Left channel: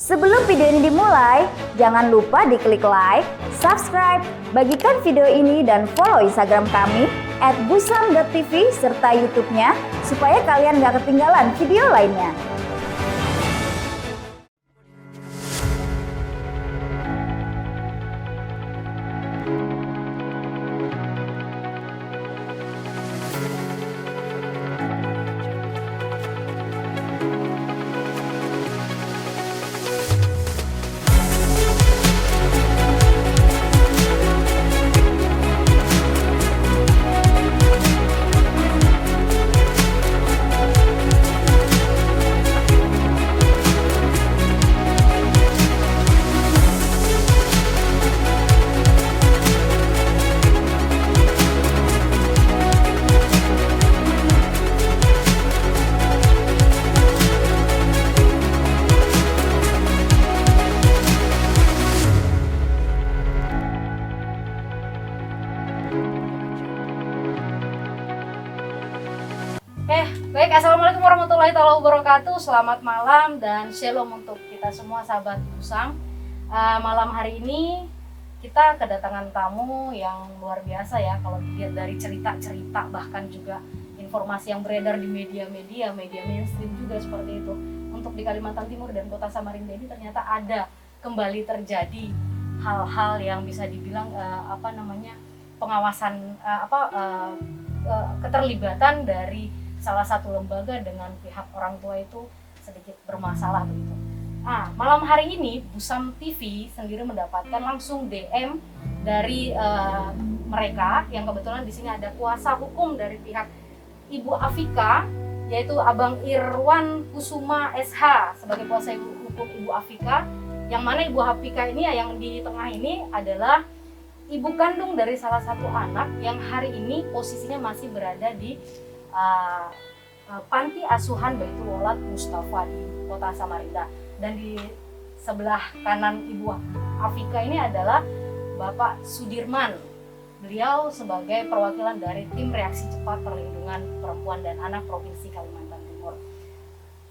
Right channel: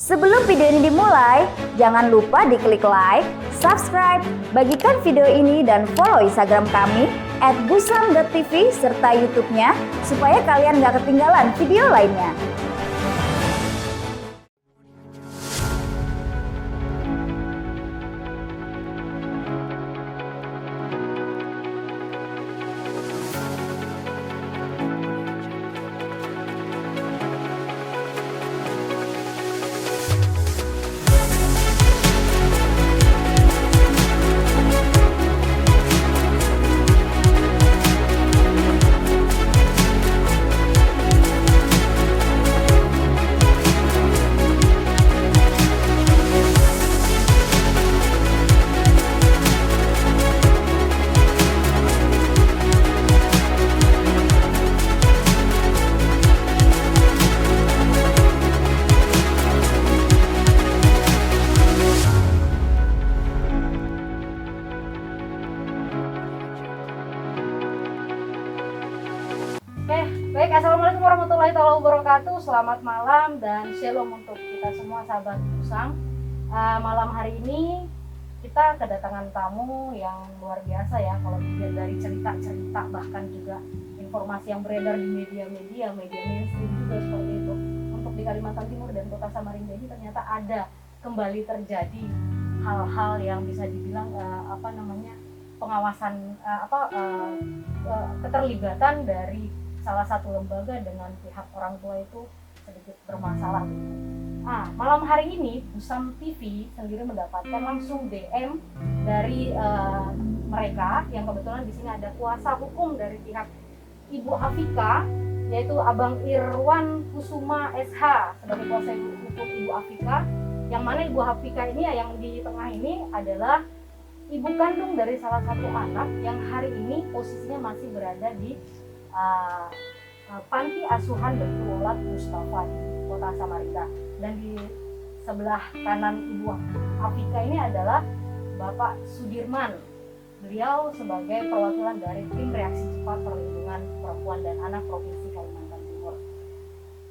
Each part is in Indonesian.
Sebelum video ini dimulai, jangan lupa diklik like, subscribe, bagikan video ini dan follow Instagram kami @busam.tv serta YouTube-nya supaya kalian gak ketinggalan video lainnya. Baik, assalamualaikum warahmatullahi wabarakatuh. Selamat malam dan shalom untuk kita semua sahabat Busam. Malam hari ini kita kedatangan tamu yang luar biasa ya. Kalau dilihat dari cerita-cerita bahkan juga informasi yang beredar di media mainstream juga seperti itu. Untuk di Kalimantan Timur dan Kota Samarinda ini ternyata ada kembali terjadi hal-hal yang bisa dibilang pengawasan keterlibatan dari salah satu lembaga dengan pihak orang tua itu sedikit bermasalah gitu. Malam hari ini Busam TV sendiri mendapatkan langsung DM dari mereka yang kebetulan di sini ada kuasa hukum dari pihak Ibu Afika, yaitu Abang Irwan Kusuma SH sebagai kuasa hukum Ibu Afika. Yang mana Ibu Afika ini yang di tengah ini adalah ibu kandung dari salah satu anak yang hari ini posisinya masih berada di Panti Asuhan Baitul Walad Mustafa di Kota Samarinda. Dan di sebelah kanan Ibu Afika ini adalah Bapak Sudirman. Beliau sebagai perwakilan dari Tim Reaksi Cepat Perlindungan Perempuan dan Anak Provinsi Kalimantan Timur.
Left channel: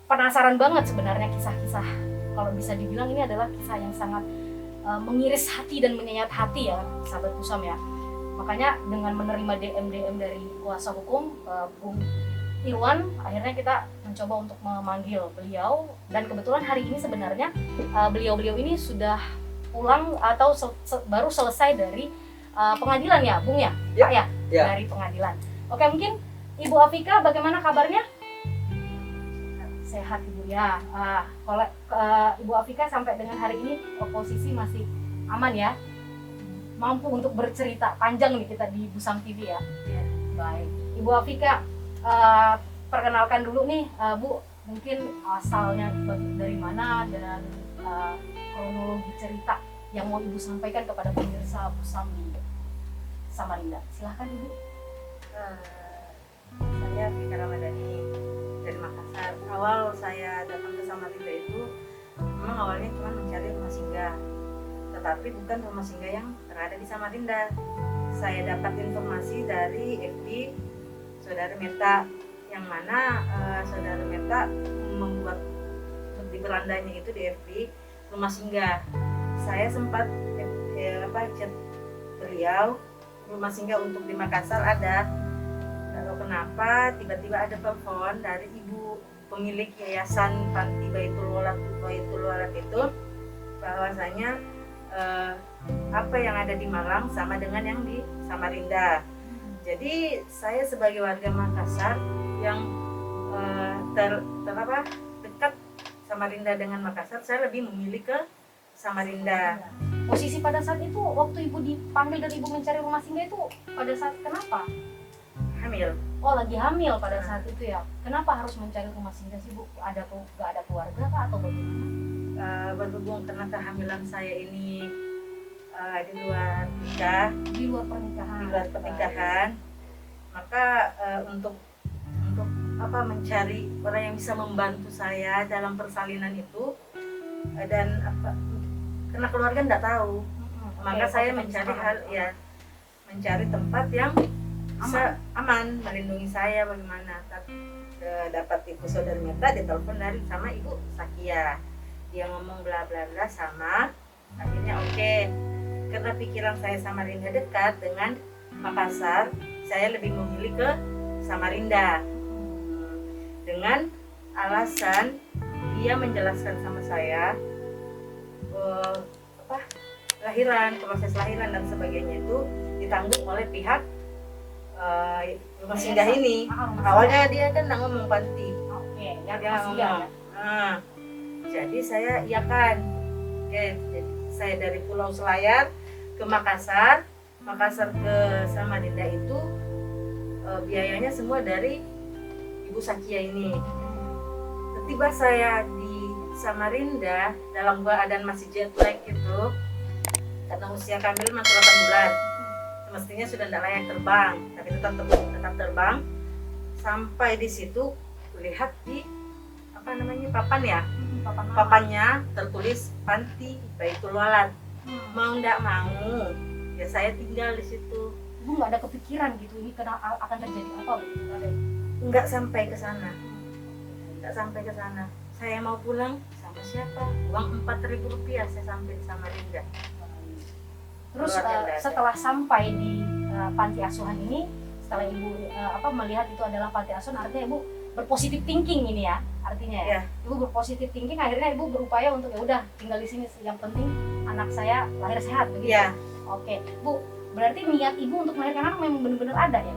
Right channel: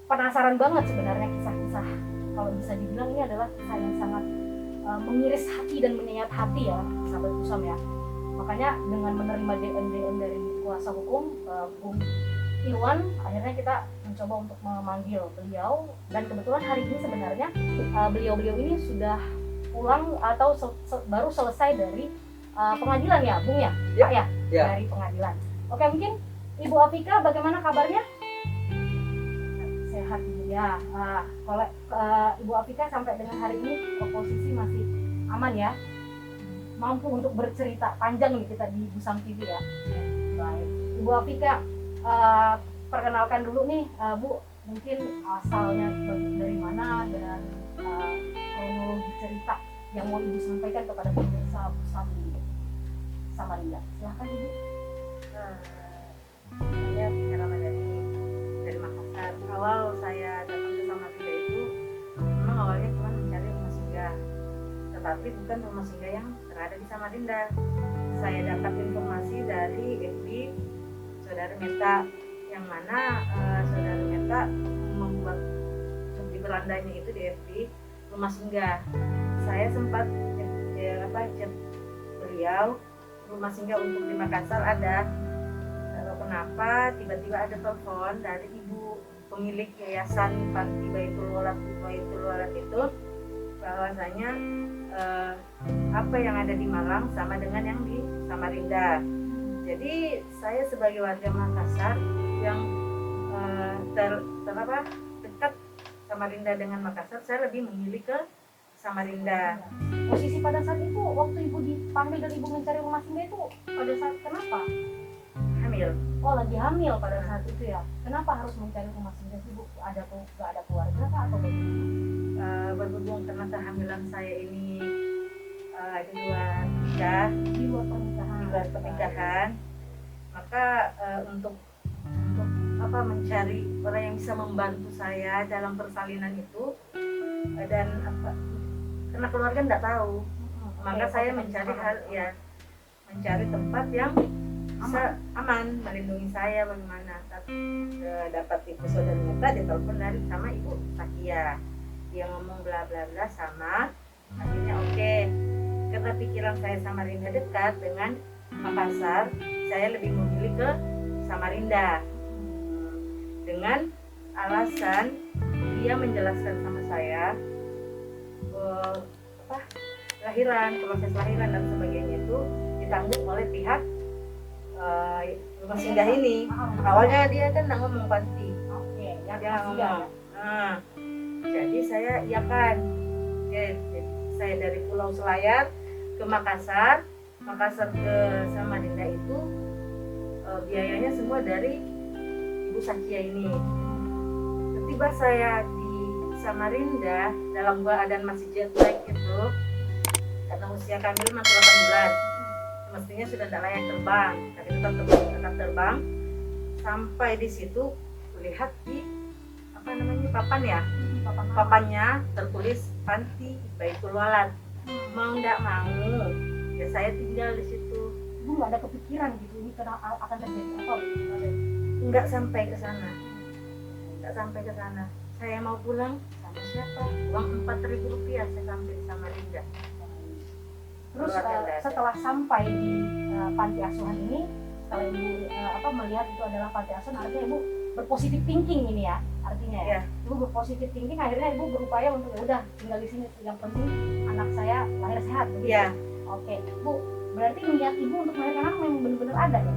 Penasaran banget sebenarnya kisah-kisah, kalau bisa dibilang ini adalah kisah yang sangat mengiris hati dan menyenyat hati ya sahabat Busam ya. Makanya dengan menerima DM dari kuasa hukum Bung Irwan, akhirnya kita mencoba untuk memanggil beliau. Dan kebetulan hari ini sebenarnya beliau ini sudah pulang atau baru selesai dari pengadilan ya Bung ya? Ya, Pak ya? ya. Dari pengadilan. Oke, mungkin Ibu Afika bagaimana kabarnya? Sehat Ibu ya. Kalau Ibu Afika sampai dengan hari ini posisi masih aman ya? Mampu untuk bercerita panjang nih kita di Busam TV ya. Baik, Ibu Afika, perkenalkan dulu nih Bu, mungkin asalnya dari mana dan kronologi cerita yang mau Ibu sampaikan kepada pemirsa Busam di Samarinda. Silahkan Ibu. Saya Fika Ramadhani dari Makassar. Awal saya datang ke Samarinda itu memang awalnya cuma mencari rumah singgah, tetapi bukan rumah singgah yang berada di Samarinda. Saya dapat informasi dari FB Saudara Meta, yang mana Saudara Meta membuat di berandanya itu di FB rumah singgah. Saya sempat chat beliau, rumah singgah untuk di Makassar ada. Lalu kenapa tiba-tiba ada telepon dari ibu pemilik yayasan Panti Baitul Walad itu, bahwasanya apa yang ada di Malang sama dengan yang di Samarinda. Jadi saya sebagai warga Makassar yang dekat Samarinda dengan Makassar, saya lebih memilih ke Samarinda. Posisi pada saat itu waktu Ibu dipanggil dan Ibu mencari rumah singgah itu pada saat kenapa? Hamil. Oh, lagi hamil pada saat itu ya. Kenapa harus mencari rumah singgah sih Bu? Gak ada keluarga kah atau bagaimana? Berhubung karena kehamilan saya ini di luar pernikahan, maka untuk mencari orang yang bisa membantu saya dalam persalinan itu, dan karena keluarga tidak tahu, maka saya mencari tempat yang bisa aman melindungi saya bagaimana. Dapat info saudara Meta, ditelepon dari sama Ibu Sakia. dia ngomong bla bla bla sama, akhirnya oke. Karena pikiran saya Samarinda dekat dengan Makassar, saya lebih memilih ke Samarinda. Dengan alasan dia menjelaskan sama saya proses lahiran dan sebagainya itu ditanggung oleh pihak rumah singgah ini. Awalnya dia kan nggak ngomong panti, Oke, ya dia masih ya. ngomong. Jadi saya iakan. Oke, jadi saya dari Pulau Selayar ke Makassar ke Samarinda itu biayanya semua dari Ibu Sakia ini. Tiba saya di Samarinda dalam keadaan masih jet lag itu, karena usia kami masih 8 bulan, mestinya sudah tidak layak terbang, tapi tetap terbang. Sampai di situ lihat di papannya tertulis Panti Baitul Walad. Mau ndak mau ya saya tinggal di situ. Ibu nggak ada kepikiran gitu ini akan terjadi apa? Nggak sampai ke sana. Saya mau pulang sama siapa? Uang 4.000 rupiah saya sampai di Samarinda. Terus setelah sampai di panti asuhan ini, setelah ibu melihat itu adalah panti asuhan, artinya ibu berpositif thinking ini ya, artinya ya. Ibu berpositif thinking, akhirnya ibu berupaya untuk ya udah tinggal di sini, yang penting anak saya lahir sehat begitu. Iya. Oke, Bu, berarti niat ibu untuk melahirkan anak memang benar-benar ada ya?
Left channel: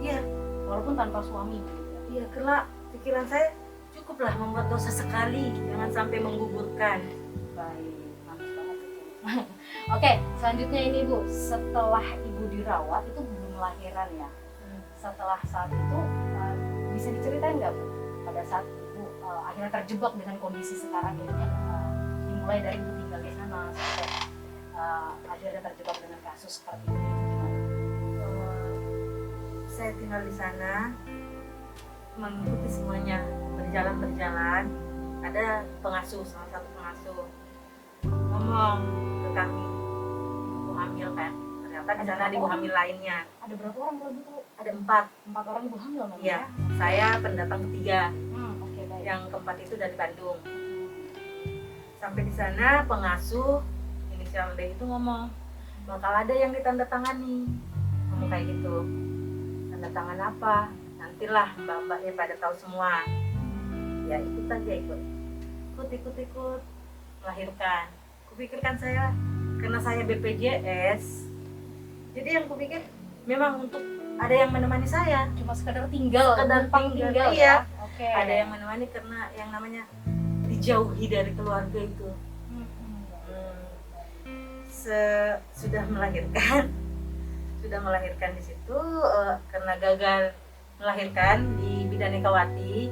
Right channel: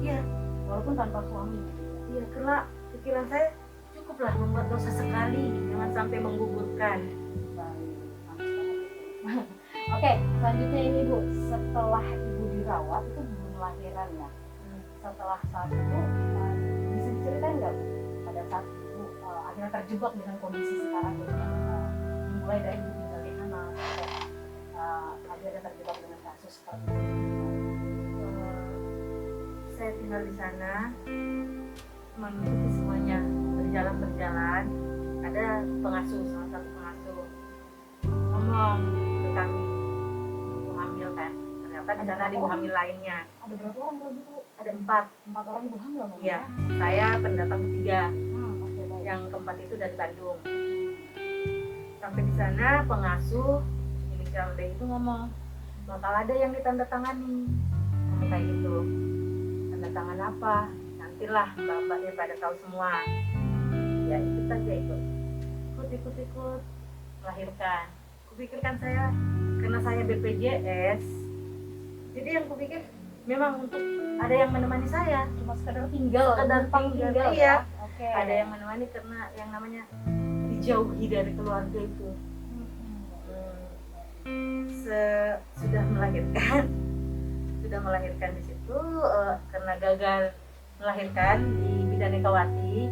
Iya. Walaupun tanpa suami. Iya, karena pikiran saya cukuplah membuat dosa sekali, jangan sampai menggugurkan. Baik, mantap banget. Oke, selanjutnya ini Bu, setelah ibu dirawat itu belum lahiran ya. Setelah saat itu bisa diceritain nggak Bu, pada saat ibu akhirnya terjebak dengan kondisi sekarang ini, dimulai dari ibu tinggal di sana sampai akhirnya terjebak dengan kasus seperti ini. Saya tinggal di sana, mengikuti semuanya, berjalan. Ada pengasuh, salah satu pengasuh ngomong ke kami, ibu hamil kan? Ternyata di sana ada ibu hamil lainnya. Ada berapa orang kalau gitu? Ada 4 orang ibu hamil memang? Iya, saya pendatang ketiga. Oke, baik. Yang keempat itu dari Bandung. Sampai di sana pengasuh inisial D itu ngomong, bakal ada yang ditandatangani. Ngomong kayak gitu. Tanda tangan apa? Nantilah mbak-mbaknya pada tahu semua. Ya ikut aja ikut melahirkan. Kupikirkan saya karena saya BPJS, jadi yang kupikir memang untuk ada yang menemani saya, Cuma sekedar tinggal, numpang tinggal iya. ya. Oke. Ada yang menemani karena yang namanya dijauhi dari keluarga itu. Sudah melahirkan di situ, karena gagal melahirkan di Bidan Ekawati,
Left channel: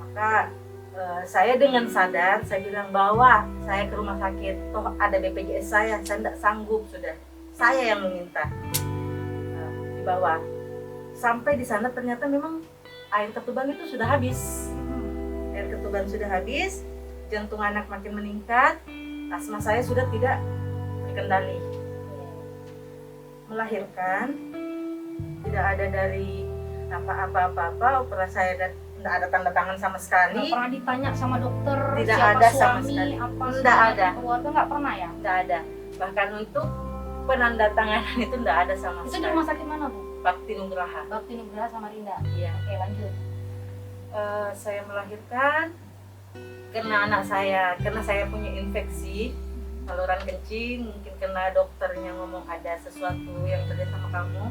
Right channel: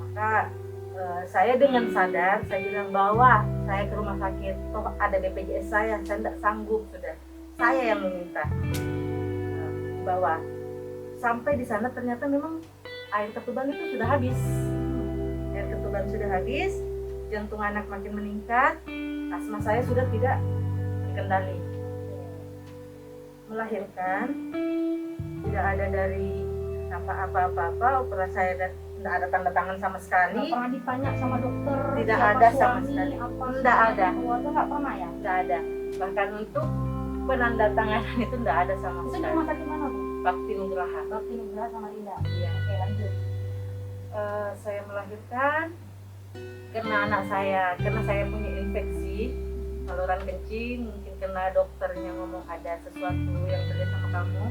maka saya dengan sadar saya bilang bawa saya ke rumah sakit, toh ada BPJS saya tidak sanggup, sudah saya yang meminta. Dibawa sampai di sana ternyata memang air ketuban itu sudah habis. Air ketuban sudah habis, jantung anak makin meningkat, asma saya sudah tidak terkendali. Melahirkan tidak ada dari apa-apa, operasi saya tidak ada tanda tangan sama sekali. Nggak pernah ditanya sama dokter Tidak siapa ada sama suami, sekali. apa Tidak ada. keluarga, nggak pernah ya? Tidak ada. Bahkan untuk penandatanganan itu tidak ada sama Itu di sekali. rumah sakit mana Bu? Bakti Nugraha. Bakti Nugraha Samarinda. Iya. Oke, lanjut. Saya melahirkan karena saya punya infeksi saluran kencing, mungkin karena dokternya ngomong ada sesuatu yang terjadi sama kamu,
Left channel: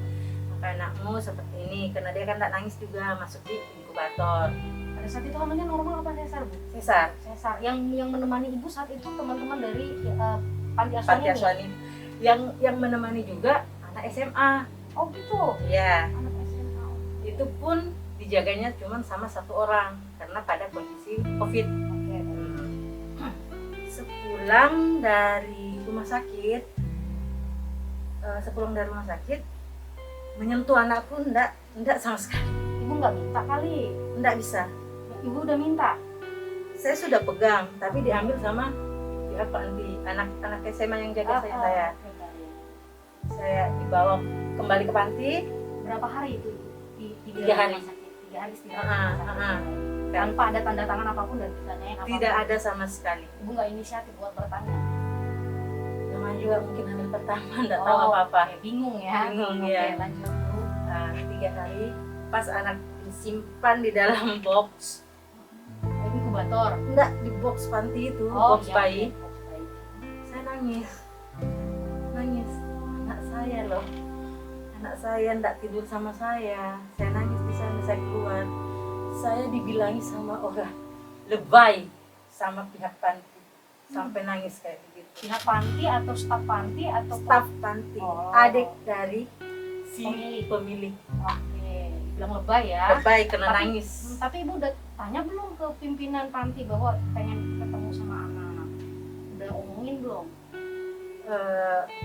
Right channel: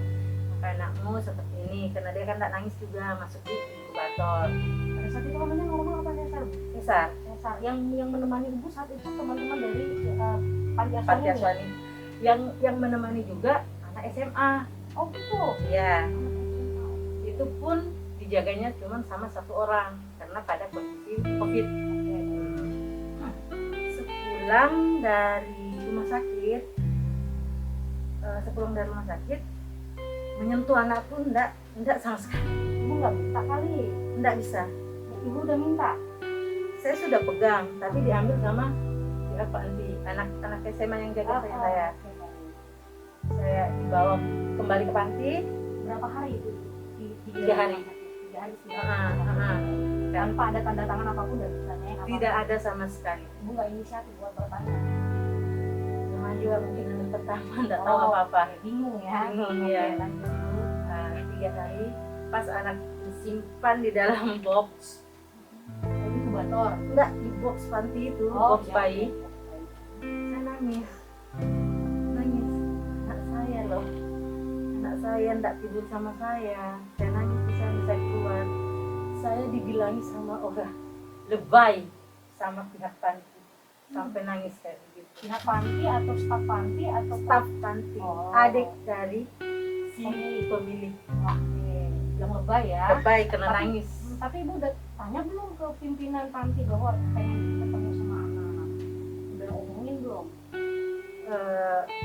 maka anakmu seperti ini, karena dia kan tidak nangis juga, masuk di inkubator. Pada saat itu hamilnya normal apa sesar Bu? Sesar. Sesar. Yang menemani ibu saat itu teman-teman dari panti asuhan Panti ini? asuhan ini. Yang menemani juga anak SMA. Oh gitu. Ya, Anak SMA. itu pun dijaganya cuma sama 1 orang karena pada kondisi COVID. Oke. Sepulang dari rumah sakit, menyentuh anakku enggak sama sekali. Ibu nggak minta kali. Enggak bisa. Ibu udah minta. Saya sudah pegang, tapi diambil sama anak SMA yang jaga saya. Oke, baik. Saya dibawa kembali ke panti. Berapa hari itu? Di 3 hari. 3 hari istirahat. tanpa ada tanda tangan apapun dan tidak nanya apapun. Tidak ada sama sekali. Ibu nggak inisiatif buat bertanya. Namanya juga mungkin hamil pertama, nggak tahu apa-apa. Oke, bingung ya. Bingung, Oke, ya. lanjut. 3 hari pas anak disimpan di dalam box, Ini inkubator. enggak di box panti itu, Oh, box iya, bayi. box bayi. Saya nangis, anak saya loh, anak saya enggak tidur sama saya nangis di sana, saya keluar, saya dibilangi sama orang lebay sama pihak panti, sampai nangis kayak gitu. Pihak panti atau staf panti atau Staf panti, Oh. adik dari si Pemilik. pemilik, Oke, bilang lebay ya. lebay kena Tapi- nangis. Tapi ibu udah tanya belum ke pimpinan panti bahwa pengen ketemu sama anak-anak? Udah omongin belum?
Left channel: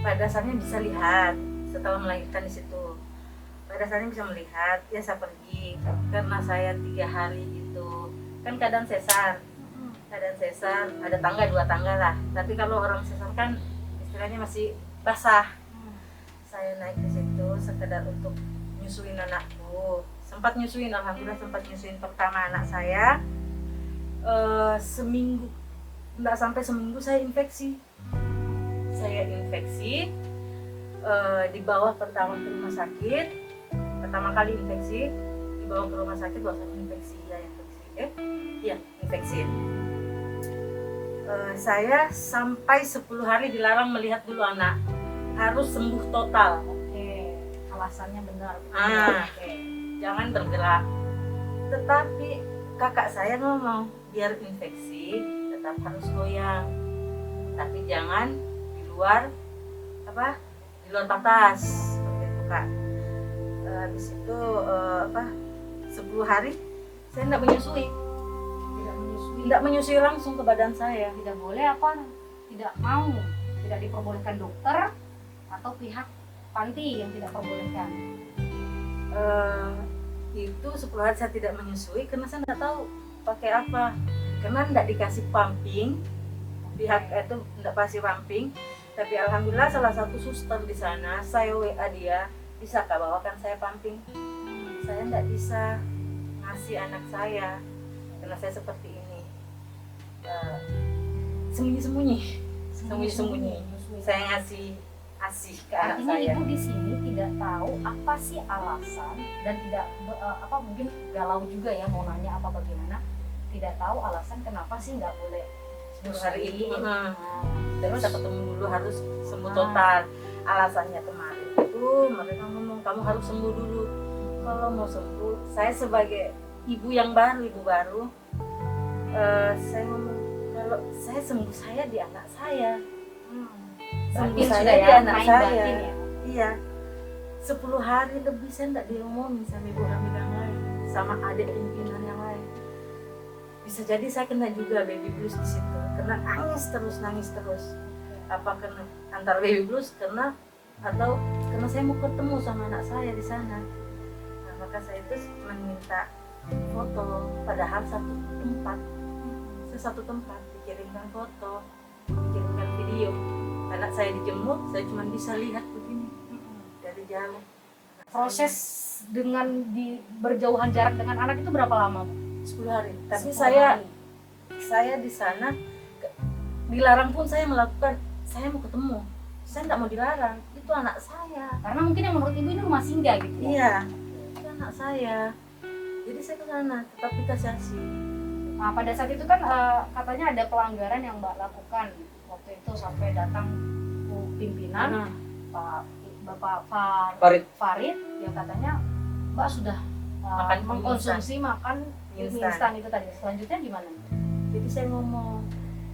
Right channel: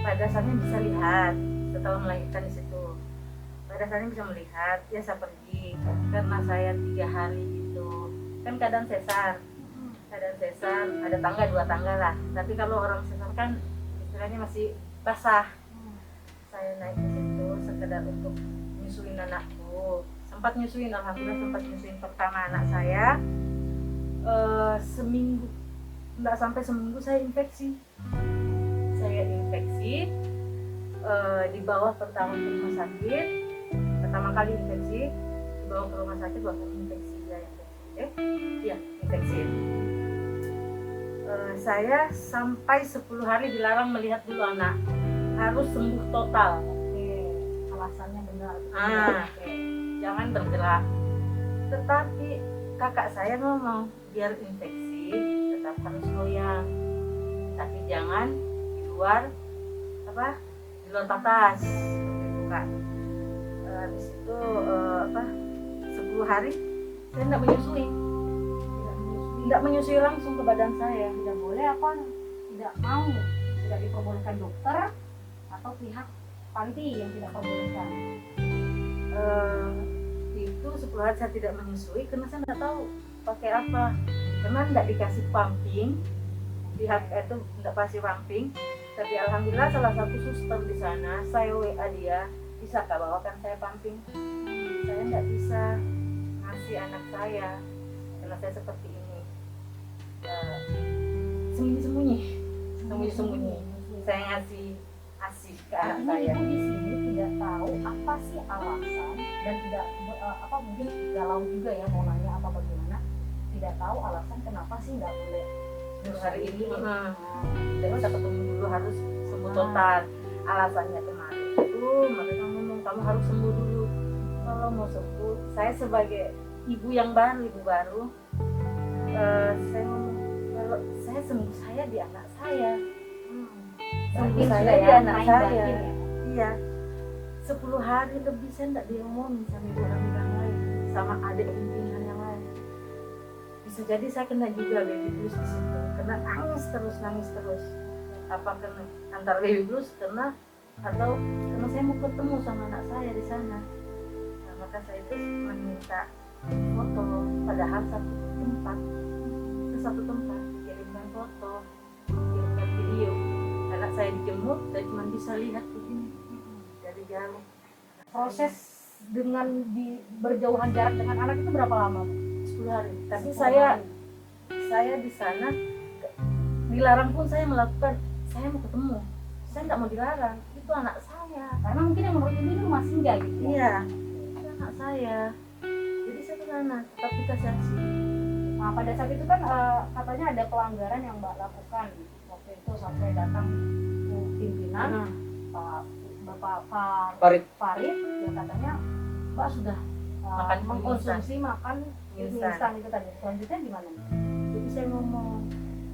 Pada saatnya bisa lihat setelah melahirkan di situ, pada saatnya bisa melihat ya saya pergi karena saya 3 hari itu kan keadaan sesar ada tangga 2 tangga lah, tapi kalau orang sesar kan istilahnya masih basah. Saya naik ke situ sekedar untuk nyusuin anakku, sempat nyusuin, alhamdulillah sempat nyusuin pertama anak saya. Seminggu, nggak sampai seminggu saya infeksi, dibawa pertama ke rumah sakit, pertama kali infeksi dibawa ke rumah sakit, bahwasanya infeksi. Saya sampai 10 hari dilarang melihat dulu anak, harus sembuh total. Oke, alasannya benar. Oke, jangan bergerak. Tetapi kakak saya ngomong biar infeksi tetap harus goyang, tapi jangan di luar di luar batas seperti itu kak. Habis itu 10 hari saya tidak menyusui langsung ke badan saya. Tidak boleh apa? Tidak mau, tidak diperbolehkan dokter atau pihak panti yang tidak perbolehkan. Itu 10 hari saya tidak menyusui karena saya tidak tahu pakai apa, karena tidak dikasih pumping, pihak itu tidak kasih pumping. Tapi alhamdulillah salah satu suster di sana, saya WA dia, bisa kak bawakan saya pumping. Saya tidak bisa ngasih anak saya karena saya seperti ini, sembunyi-sembunyi saya ngasih ASI ke anak Artinya saya. ibu di sini tidak tahu apa sih alasan dan tidak mungkin galau juga ya mau nanya apa bagaimana, tidak tahu alasan kenapa sih nggak boleh 10 hari ini Nah, tidak bisa ketemu dulu, harus sembuh total. Alasannya kemarin itu mereka ngomong kamu harus sembuh dulu. Kalau mau sembuh, saya sebagai ibu baru, saya ngomong kalau saya sembuh saya di anak saya. Sembuh Berarti saya sudah di ya, anak main saya. batin ya. Iya. 10 hari lebih saya tidak diomongin sama ibu hamil yang lain, sama adik pimpinan yang lain. Bisa jadi saya kena juga baby blues di situ, karena nangis terus. Apa kena antara baby blues atau karena saya mau ketemu sama anak saya di sana. Nah, maka saya itu meminta foto, padahal satu tempat dikirimkan foto, dikirimkan video. Anak saya dijemur, saya cuma bisa lihat begini dari jauh. Proses dengan berjauhan jarak dengan anak itu berapa lama? 10 hari. Tapi 10 saya hari. di sana dilarang pun saya melakukan. Saya mau ketemu. Saya tidak mau dilarang. Itu anak saya. Karena mungkin yang menurut ibu ini rumah singgah gitu. Iya. Itu anak saya. Jadi saya ke sana, tetap kita saksi. Nah, pada saat itu kan katanya ada pelanggaran yang Mbak lakukan waktu itu sampai datang pimpinan Bapak Farid yang katanya Mbak sudah Makan mengkonsumsi makan Instan. instan itu tadi. Selanjutnya gimana? Jadi saya ngomong,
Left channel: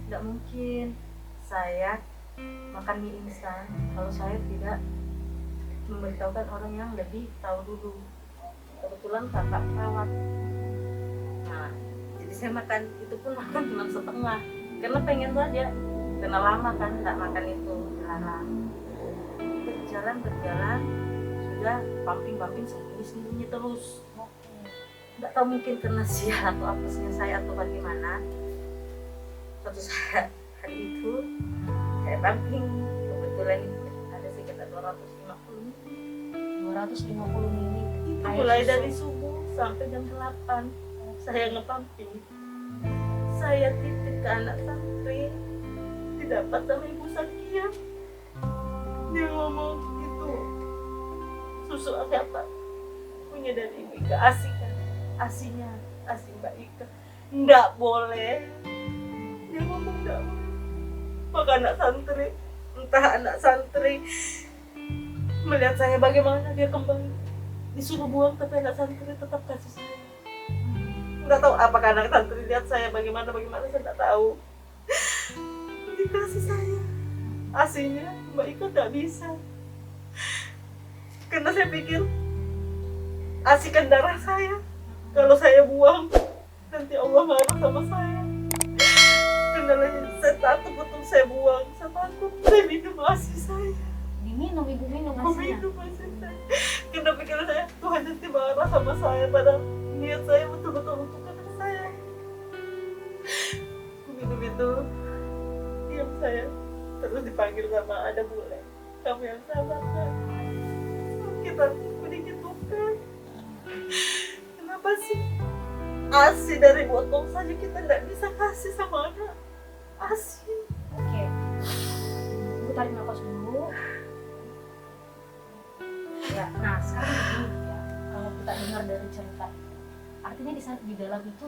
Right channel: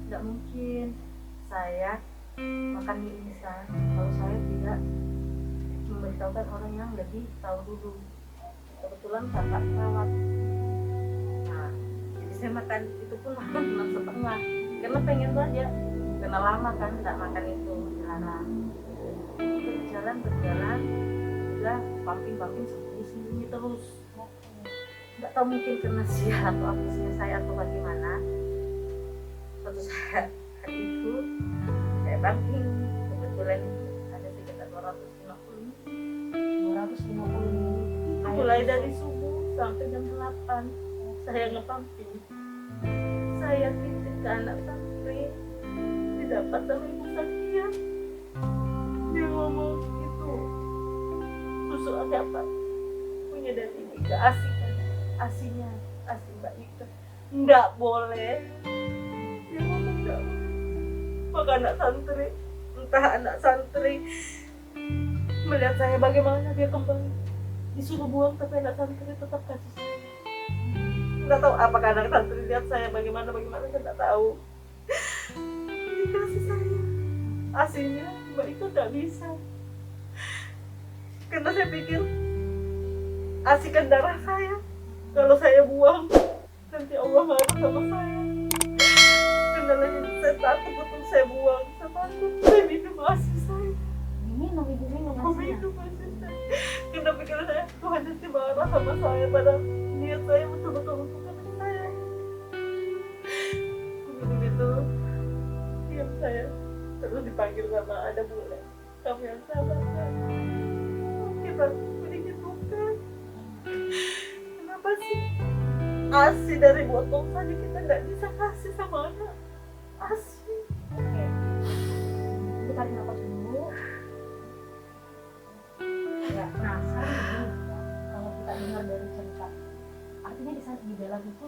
tidak mungkin saya makan mie instan kalau saya tidak memberitahukan orang yang lebih tahu dulu. Kebetulan kakak perawat. Nah, jadi saya makan itu pun makan cuma setengah karena pengen saja, karena lama kan tidak makan itu larang. Berjalan sudah pumping sembunyi terus. Nggak tahu mungkin karena sial atau apesnya saya atau bagaimana. Suatu saat hari itu saya pumping, kebetulan itu ada sekitar 250 250 mili. itu mulai dari subuh sampai jam 8 saya ngepamping, saya titip ke anak santri, didapat sama Ibu Sakia. Dia ngomong itu susu apa punya dari Ibu Ika, ASI kan, ASInya ASI Mbak Ika, nggak boleh. Dia ngomong nggak boleh. Maka anak santri, entah anak santri melihat saya bagaimana dia kembali disuruh buang, tapi anak santri tetap kasih saya. Nggak tahu apakah anak santri lihat saya bagaimana saya nggak tahu. Dikasih saya aslinya Mbak Ika nggak bisa, karena saya pikir asikan darah saya, kalau saya buang nanti Allah marah sama saya. Karena saya takut betul saya buang, saya takut saya minum asi saya. Diminum, ibu minum asinya. Minum asi saya. Karena pikiran saya Tuhan nanti marah sama saya, padahal niat saya betul-betul untuk anak saya. Minum itu, diam saya terus dipanggil sama ada bule. Kamu yang sabar kan? Kita sedikit bukan. Kenapa sih asi dari botol saja kita nggak bisa kasih sama anak? Asi. Oke. Ibu tarik nafas dulu. Ya, nah sekarang begini ya, kalau kita dengar dari cerita, artinya di dalam itu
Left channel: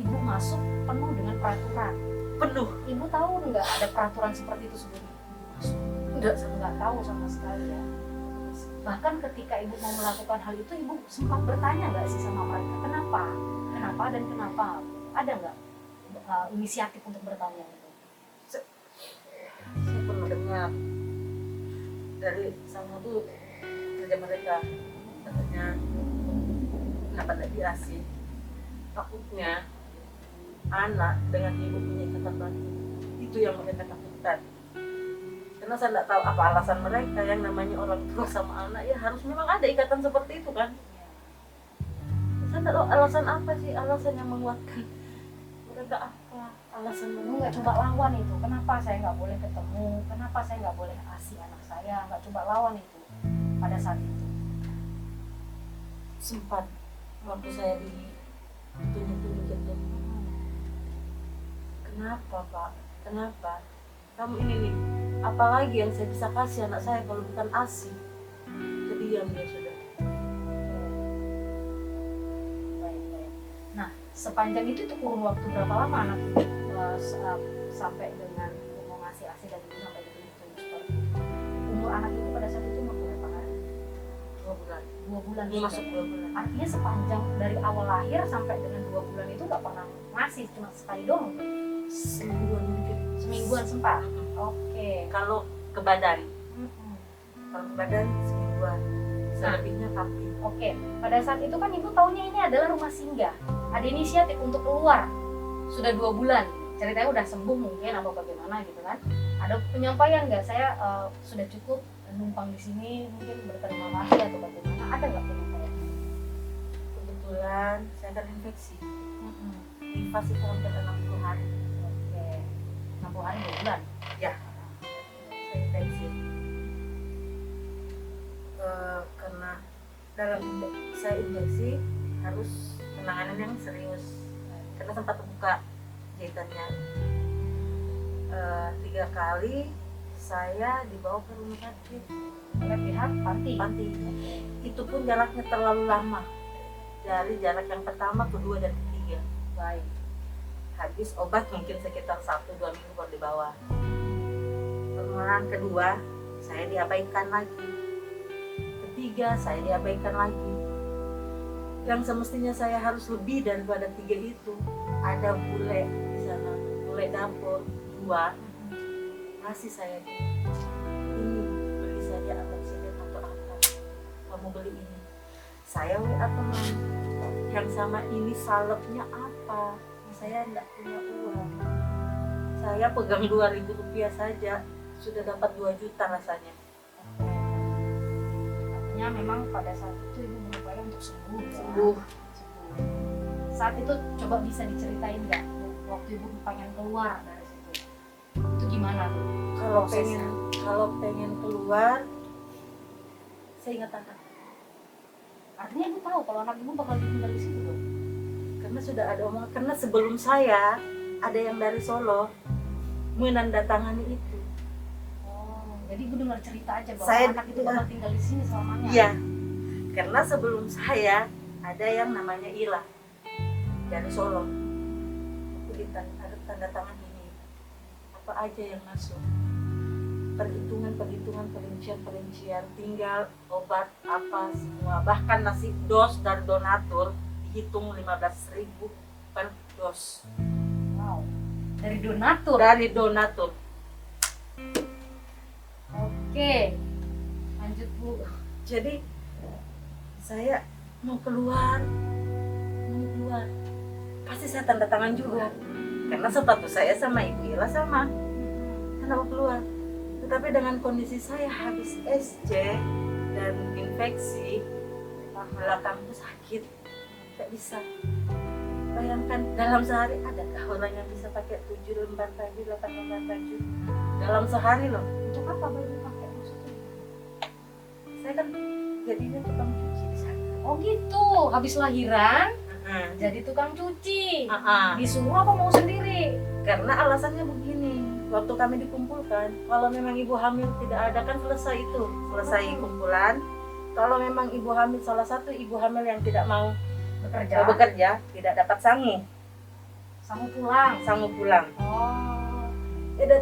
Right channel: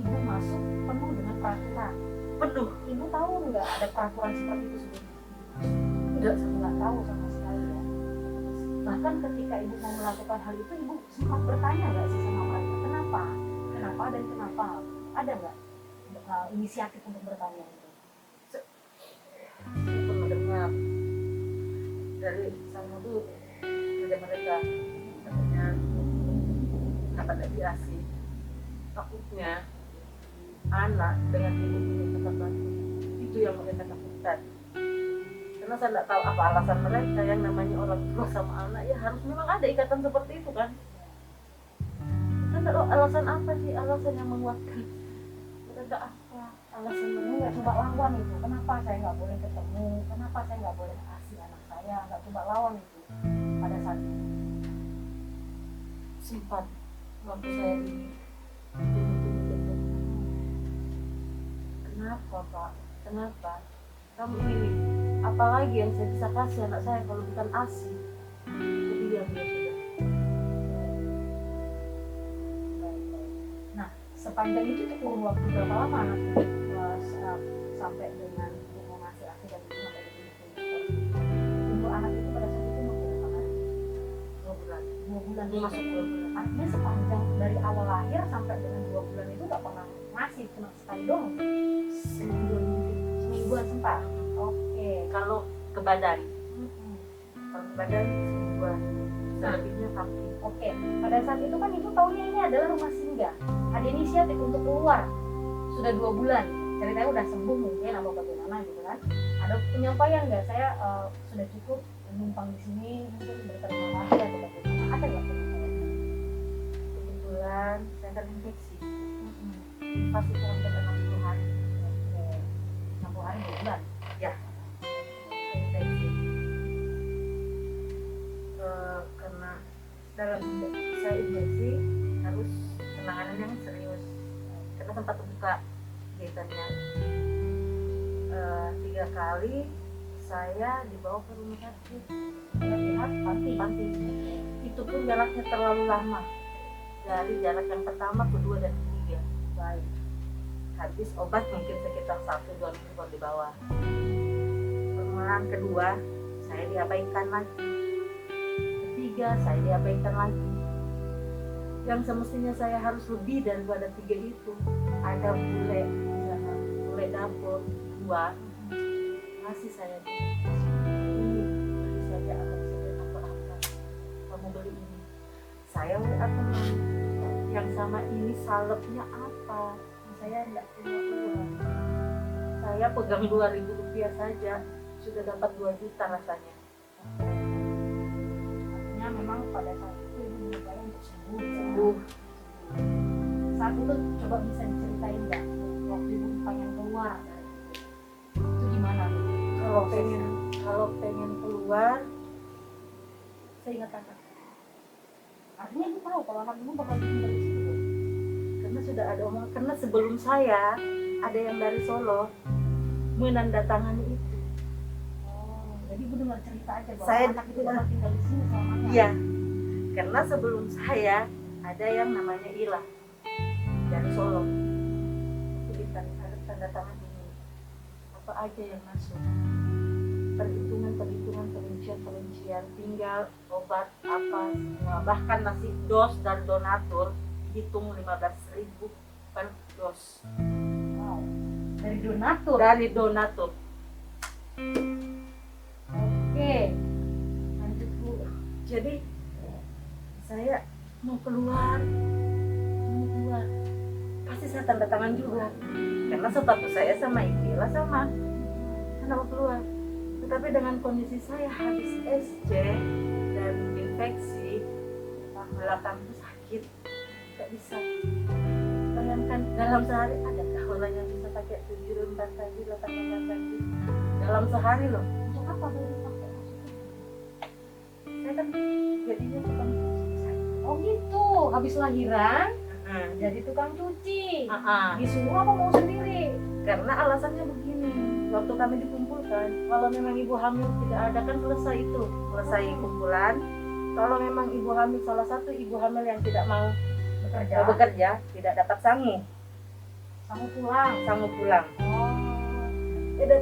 ibu masuk penuh dengan peraturan. Penuh. Ibu tahu nggak ada peraturan seperti itu sebelum ibu masuk? Nggak tahu sama sekali ya. Bahkan ketika ibu mau melakukan hal itu, ibu sempat bertanya nggak sih sama mereka, kenapa dan kenapa? Ada nggak inisiatif untuk bertanya itu? Saya pernah dengar dari salah satu kerja mereka, katanya kenapa tidak diasi, takutnya anak dengan ibu punya ikatan batin, itu yang mereka takutkan. Karena saya tidak tahu apa alasan mereka, yang namanya orang tua sama anak ya harus memang ada ikatan seperti itu kan. Saya tidak tahu alasan apa sih, alasan yang menguatkan mereka apa, alasan Ibu nggak coba lawan itu, kenapa saya nggak boleh ketemu, kenapa saya nggak boleh asi anak saya, nggak coba lawan itu pada saat itu? sempat waktu saya ditunjuk itu, kenapa Pak, kenapa kamu ini, apalagi yang saya bisa kasih anak saya kalau bukan asi. Kemudian dia sudah Baik. Nah, sepanjang itu tuh kurun waktu berapa lama anak itu sampai dengan mau ngasih asi dan itu sampai ditunjuk seperti itu? Umur anak itu pada saat itu umur berapa hari? 2 bulan, 2 bulan. masuk 2 bulan. Artinya sepanjang dari awal lahir sampai dengan 2 bulan itu nggak pernah ngasih, cuma sekali doang. Semingguan mungkin, Semingguan sempat. Oke. kalau ke badan, Mm-mm. kalau ke badan semingguan, selebihnya papi. Oke, pada saat itu kan ibu taunya ini adalah rumah singgah. Ada inisiatif untuk keluar. Sudah 2 bulan. Ceritanya udah sembuh mungkin apa bagaimana gitu kan. Ada penyampaian nggak, saya sudah cukup numpang di sini, mungkin berterima kasih atau bagaimana? Ada nggak penyampaian? Kebetulan saya terinfeksi. Mm-mm. Nifas itu hampir 60 hari. Oke. 60 hari 2 bulan. Ya, saya infeksi. Karena dalam saya infeksi harus penanganan yang serius. Karena sempat terbuka jahitannya. 3 kali saya dibawa ke rumah sakit. Oleh pihak panti. Itu pun jaraknya terlalu lama. Dari jarak yang pertama, kedua, dan ketiga. Baik. Habis obat mungkin sekitar 1-2 minggu baru dibawa. Permohonan kedua saya diabaikan lagi, ketiga saya diabaikan lagi. Yang semestinya saya harus lebih daripada 3 itu. Ada bule di sana, bule dapur 2 ngasih saya ini beli saja amoxicillin atau apa, kamu beli ini. Saya WA teman yang sama ini salepnya apa, saya enggak punya uang. Saya pegang 2.000 rupiah saja sudah dapat 2 juta rasanya. Artinya memang pada saat itu ibu berupaya untuk sembuh. Ya? Sembuh. Saat itu coba bisa diceritain nggak waktu ibu pengen keluar dari situ? Itu gimana tuh? Prosesnya. Kalau pengen keluar, saya ingat anak. Artinya ibu tahu kalau anak ibu bakal ditinggal di situ dong. Karena Karena sudah ada omongan, karena sebelum saya ada yang dari Solo menandatangani itu. Oh, jadi ibu dengar cerita aja bahwa Saya- anak itu bakal tinggal di sini selamanya. Iya, karena sebelum saya ada yang namanya Ila dari Solo. Aku ada tanda tangan ini. Apa aja yang masuk? Perhitungan, perincian, tinggal obat apa semua. Bahkan nasi dos dari donatur dihitung 15.000 per dos. Wow. Dari donatur. Dari donatur. Oke. Lanjut Bu. Jadi saya mau keluar, pasti saya tanda tangan juga karena status saya sama Ibu Ila sama, saya mau keluar. Tetapi dengan kondisi saya habis SC dan infeksi, belakangku sakit, tidak bisa. Bayangkan dalam sehari adakah orang yang bisa pakai 7 lembar baju, 8 lembar baju dalam sehari loh. Untuk apa baru pakai maksudnya? Saya kan jadinya tukang cuci di sana. Oh gitu. Habis lahiran Jadi jadi tukang cuci. uh-uh. Disuruh apa mau sendiri? Karena alasannya begini, waktu kami dikumpulkan, kalau memang ibu hamil tidak ada kan selesai kumpulan. Kalau memang ibu hamil, salah satu ibu hamil yang tidak mau bekerja tidak dapat sangu Sangu pulang. Oh. Jadi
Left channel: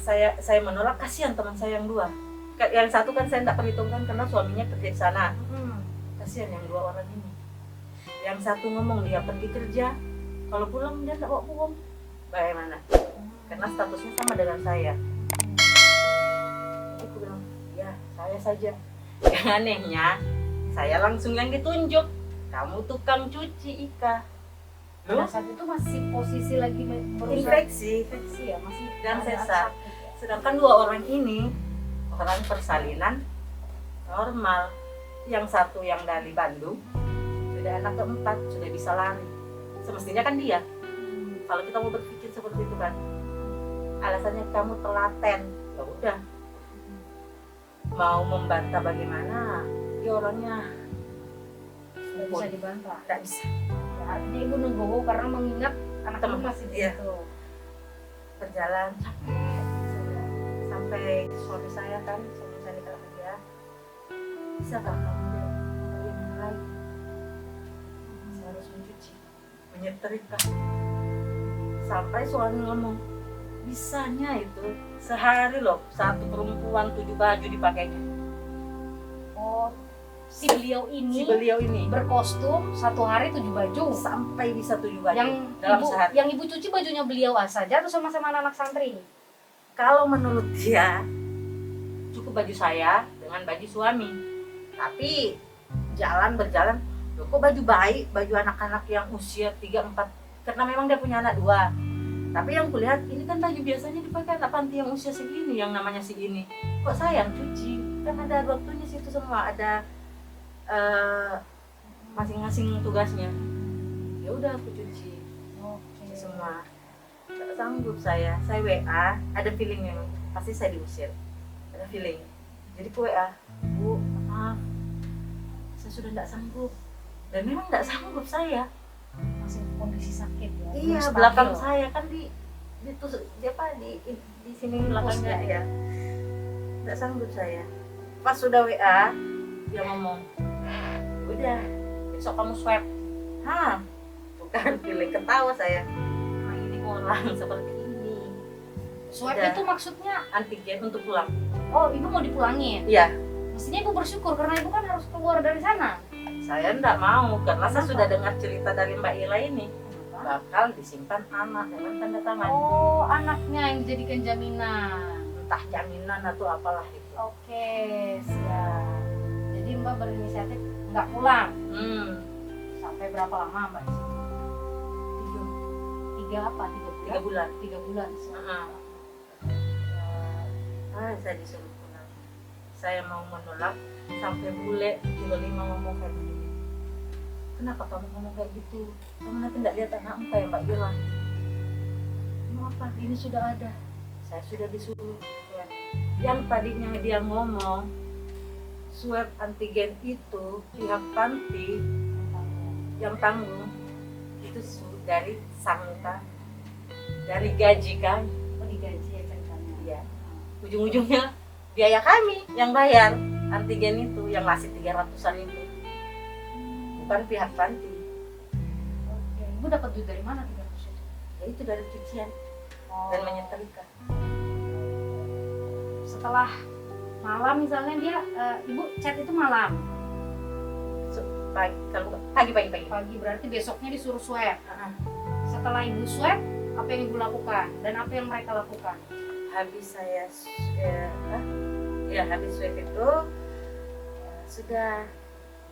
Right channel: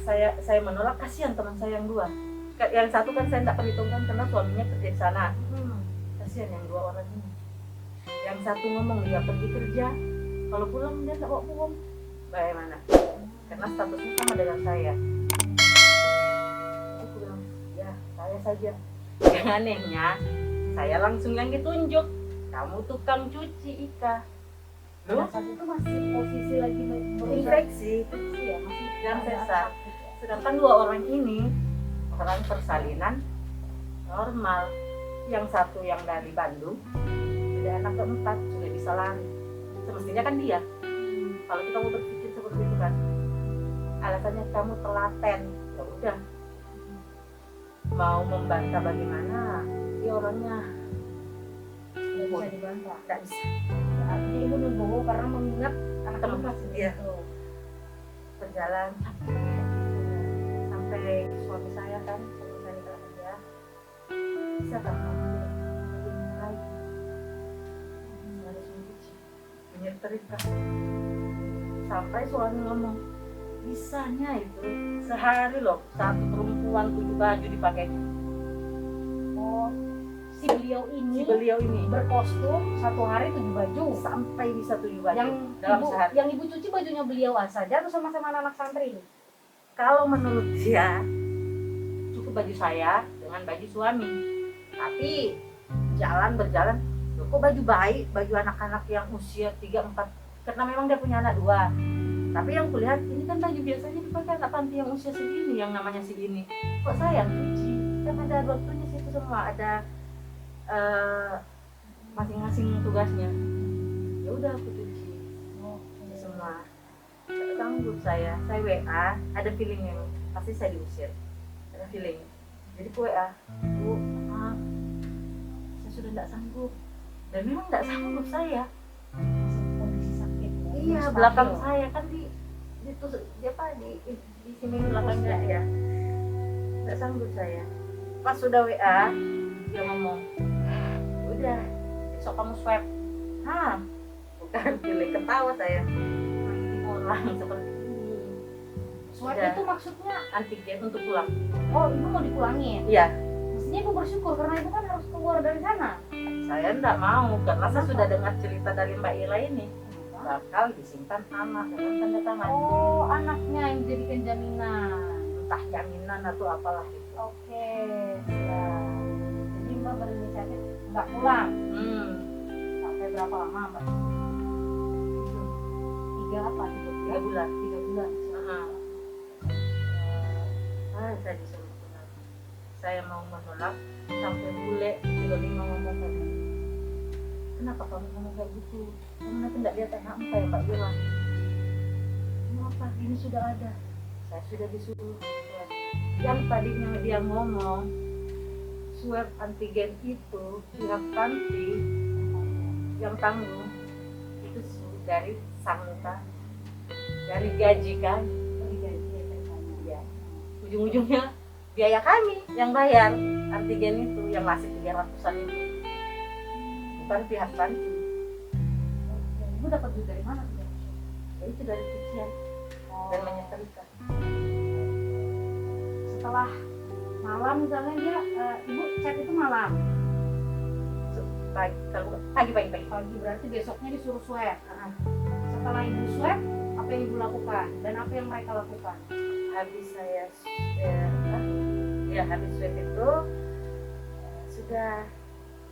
saya menolak, kasihan teman saya yang dua. Yang satu kan saya tidak perhitungkan karena suaminya kerja di sana. Kasihan yang dua orang ini. Yang satu ngomong dia pergi kerja, kalau pulang dia tidak bawa uang. Bagaimana? Karena statusnya sama dengan saya. Aku bilang, ya saya saja. Yang anehnya, saya langsung yang ditunjuk. Kamu tukang cuci Ika. Pada saat itu masih posisi lagi Infeksi. ya, masih Dan ada sesar. sakit ya. Sedangkan dua orang ini orang persalinan normal. Yang satu yang dari Bandung, sudah anak keempat, sudah bisa lari. Semestinya kan dia. Kalau kita mau berpikir seperti itu kan, alasannya kamu telaten, ya udah. Mau membantah bagaimana? Dia orangnya Nggak bisa dibantah. tidak bisa. Artinya ibu nunggu karena mengingat anak Teman. ibu masih di Iya. situ. Berjalan sampai suami saya kan, suami saya kalau kerja, bisa kan bagaimana lagi? Saya harus mencuci, menyetrika. Sampai suami ngomong, bisanya itu sehari loh satu perempuan 7 baju dipakainya. Oh, si beliau ini berkostum satu hari 7 baju. Sampai bisa 7 baju Yang dalam ibu, sehari. yang ibu cuci bajunya beliau saja atau sama-sama anak santri? Kalau menurut dia cukup baju saya dengan baju suami. Tapi berjalan, loh kok baju baik, baju anak-anak yang usia 3-4, karena memang dia punya anak 2. Tapi yang kulihat ini kan baju biasanya dipakai anak panti yang usia segini, yang namanya segini. Kok saya yang cuci? Kan ada waktunya situ semua, ada masing-masing tugasnya. Ya udah aku cuci semua. Gak sanggup saya WA, ada feelingnya, pasti saya diusir, ada feeling. Jadi ke WA, Bu, maaf, saya sudah tidak sanggup. Dan memang tidak sanggup saya. Masih kondisi sakit ya. Iya, belum belakang stabil. saya kan di sini belakangnya ya. Tidak sanggup saya. Pas sudah WA, dia ngomong, udah, besok kamu swab. Hah, bukan pilih ketawa saya. Nah, ini orang seperti ini. Swab Udah. itu maksudnya, Antigen untuk pulang. oh ibu mau dipulangin. Iya, Mestinya ibu bersyukur karena ibu kan harus keluar dari sana. saya enggak mau karena saya Kenapa? sudah dengar cerita dari Mbak Ila ini bakal disimpan anak dengan tanda tangan. Oh, anaknya yang dijadikan jaminan. Entah jaminan atau apalah itu. Oke, siap. Jadi Mbak berinisiatif nggak pulang. Sampai berapa lama Mbak di situ? Tiga apa? 3 bulan. 3 bulan. Saya disuruh pulang. Saya mau menolak sampai bule 35 ngomong kayak gitu. Kenapa kamu ngomong kayak gitu? Kamu nanti tidak lihat anakmu kayak Mbak Yola. Kenapa? Ini sudah ada. Saya sudah disuruh swab. Yang tadinya dia ngomong swab antigen itu pihak panti yang tanggung itu dari sangka, dari gaji kami. Oh, digaji ya ceritanya. Iya. Ujung-ujungnya biaya kami yang bayar antigen itu, yang ngasih 300-an itu. Bukan pihak panti. Oke. Ibu dapat duit dari mana 300? Ya itu dari cucian Oh. dan menyetrika. Setelah malam misalnya dia ibu chat itu malam, Pagi. pagi berarti besoknya disuruh swab. Ah, Setelah ibu swab, apa yang ibu lakukan dan apa yang mereka lakukan? habis saya habis swab itu sudah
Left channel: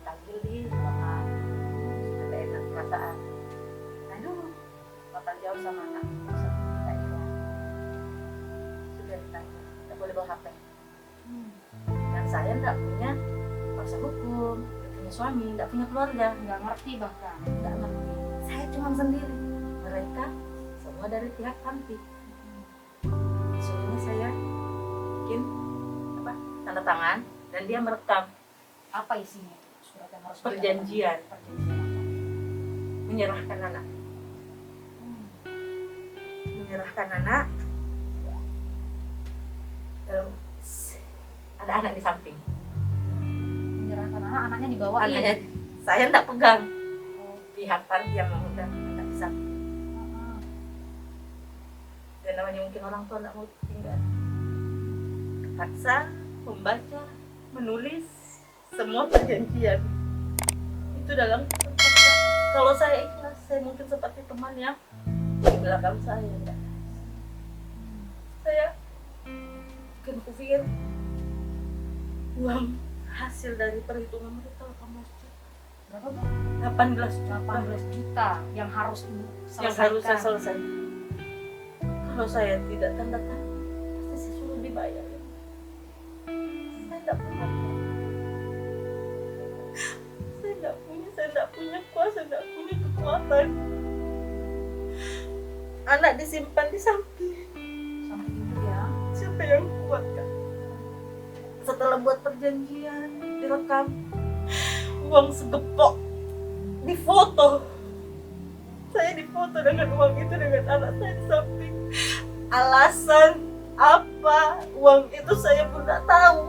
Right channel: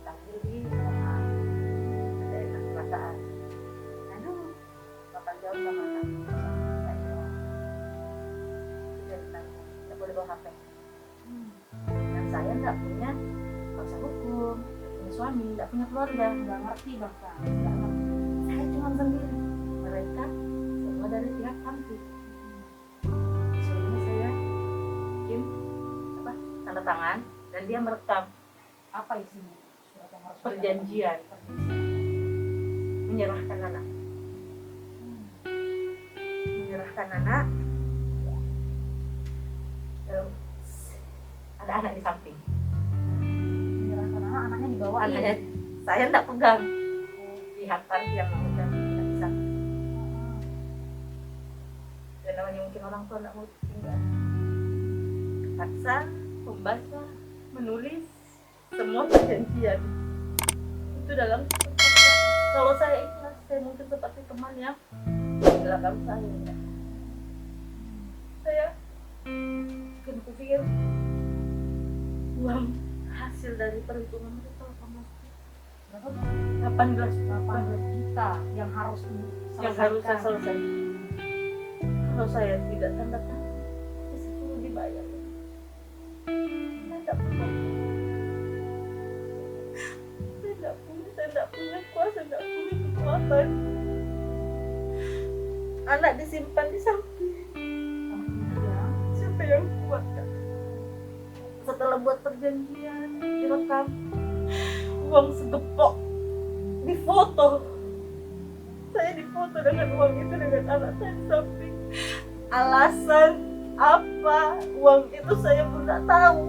tampil di ruangan, sudah enak perasaan. Aduh, bakal jauh sama anak. Sudah ditanya, nggak boleh bawa HP. Dan saya nggak punya kuasa hukum, nggak punya suami, nggak punya keluarga, Nggak ngerti bahkan. nggak ngerti. Saya cuma sendiri. Mereka semua dari pihak panti. Suruhnya saya bikin tanda tangan dan dia merekam Apa isinya tuh? Surat yang harus perjanjian menyerahkan anak. Menyerahkan anak. Ada anak di samping. Menyerahkan anak, anaknya dibawa. Anaknya saya nggak pegang. Pihak panti yang memegang, nggak bisa. Dan namanya mungkin orang tua nggak mau tinggal. Terpaksa membaca, menulis semua perjanjian. Itu dalam kalau saya ikhlas, saya mungkin seperti teman yang di belakang saya. Saya mungkin kupikir uang hasil dari perhitungan mereka 18 juta yang harus ibu yang harus saya selesaikan. Kalau saya tidak tanda tangan, pasti saya suruh dibayar. Saya tidak pernah. Saya tidak punya kuasa, tidak punya kekuatan. Anak disimpan di samping. Siapa yang kuat kan? Setelah buat perjanjian, direkam, uang segepok, difoto. Saya difoto dengan uang itu dengan anak saya di samping. Alasan apa uang itu saya pun tidak tahu.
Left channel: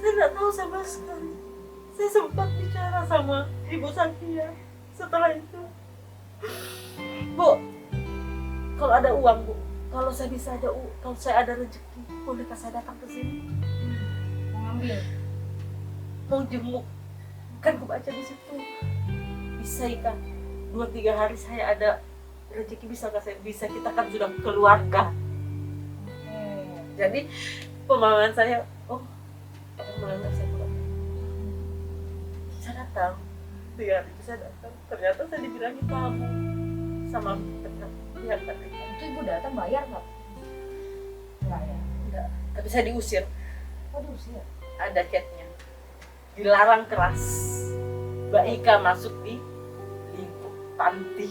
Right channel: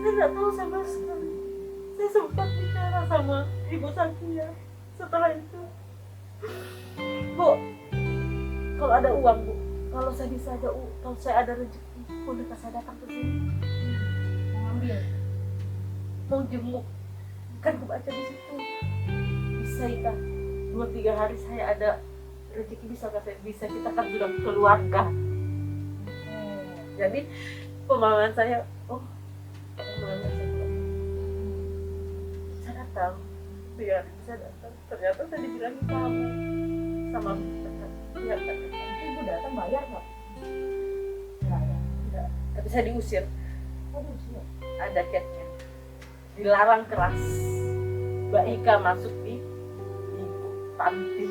Saya tidak tahu sama sekali. Saya sempat bicara sama Ibu Sakia setelah itu. Bu, kalau ada uang Bu, kalau saya bisa ada kalau saya ada rezeki, bolehkah saya datang ke sini? mengambil. Mau jenguk, kan aku baca di situ. Bisa ikan 2-3 hari saya ada rezeki, bisakah saya bisa, kita kan sudah keluarga. Jadi pemahaman saya, oh pemahaman saya pulang. Saya datang 3 hari itu saya datang, ternyata saya dibilangin kamu sama pihak tadi. Itu ibu datang bayar nggak? Enggak ya, enggak. Tapi saya diusir. Oh, diusir. Ada chatnya, dilarang keras. Mbak Ika masuk di lingkup panti.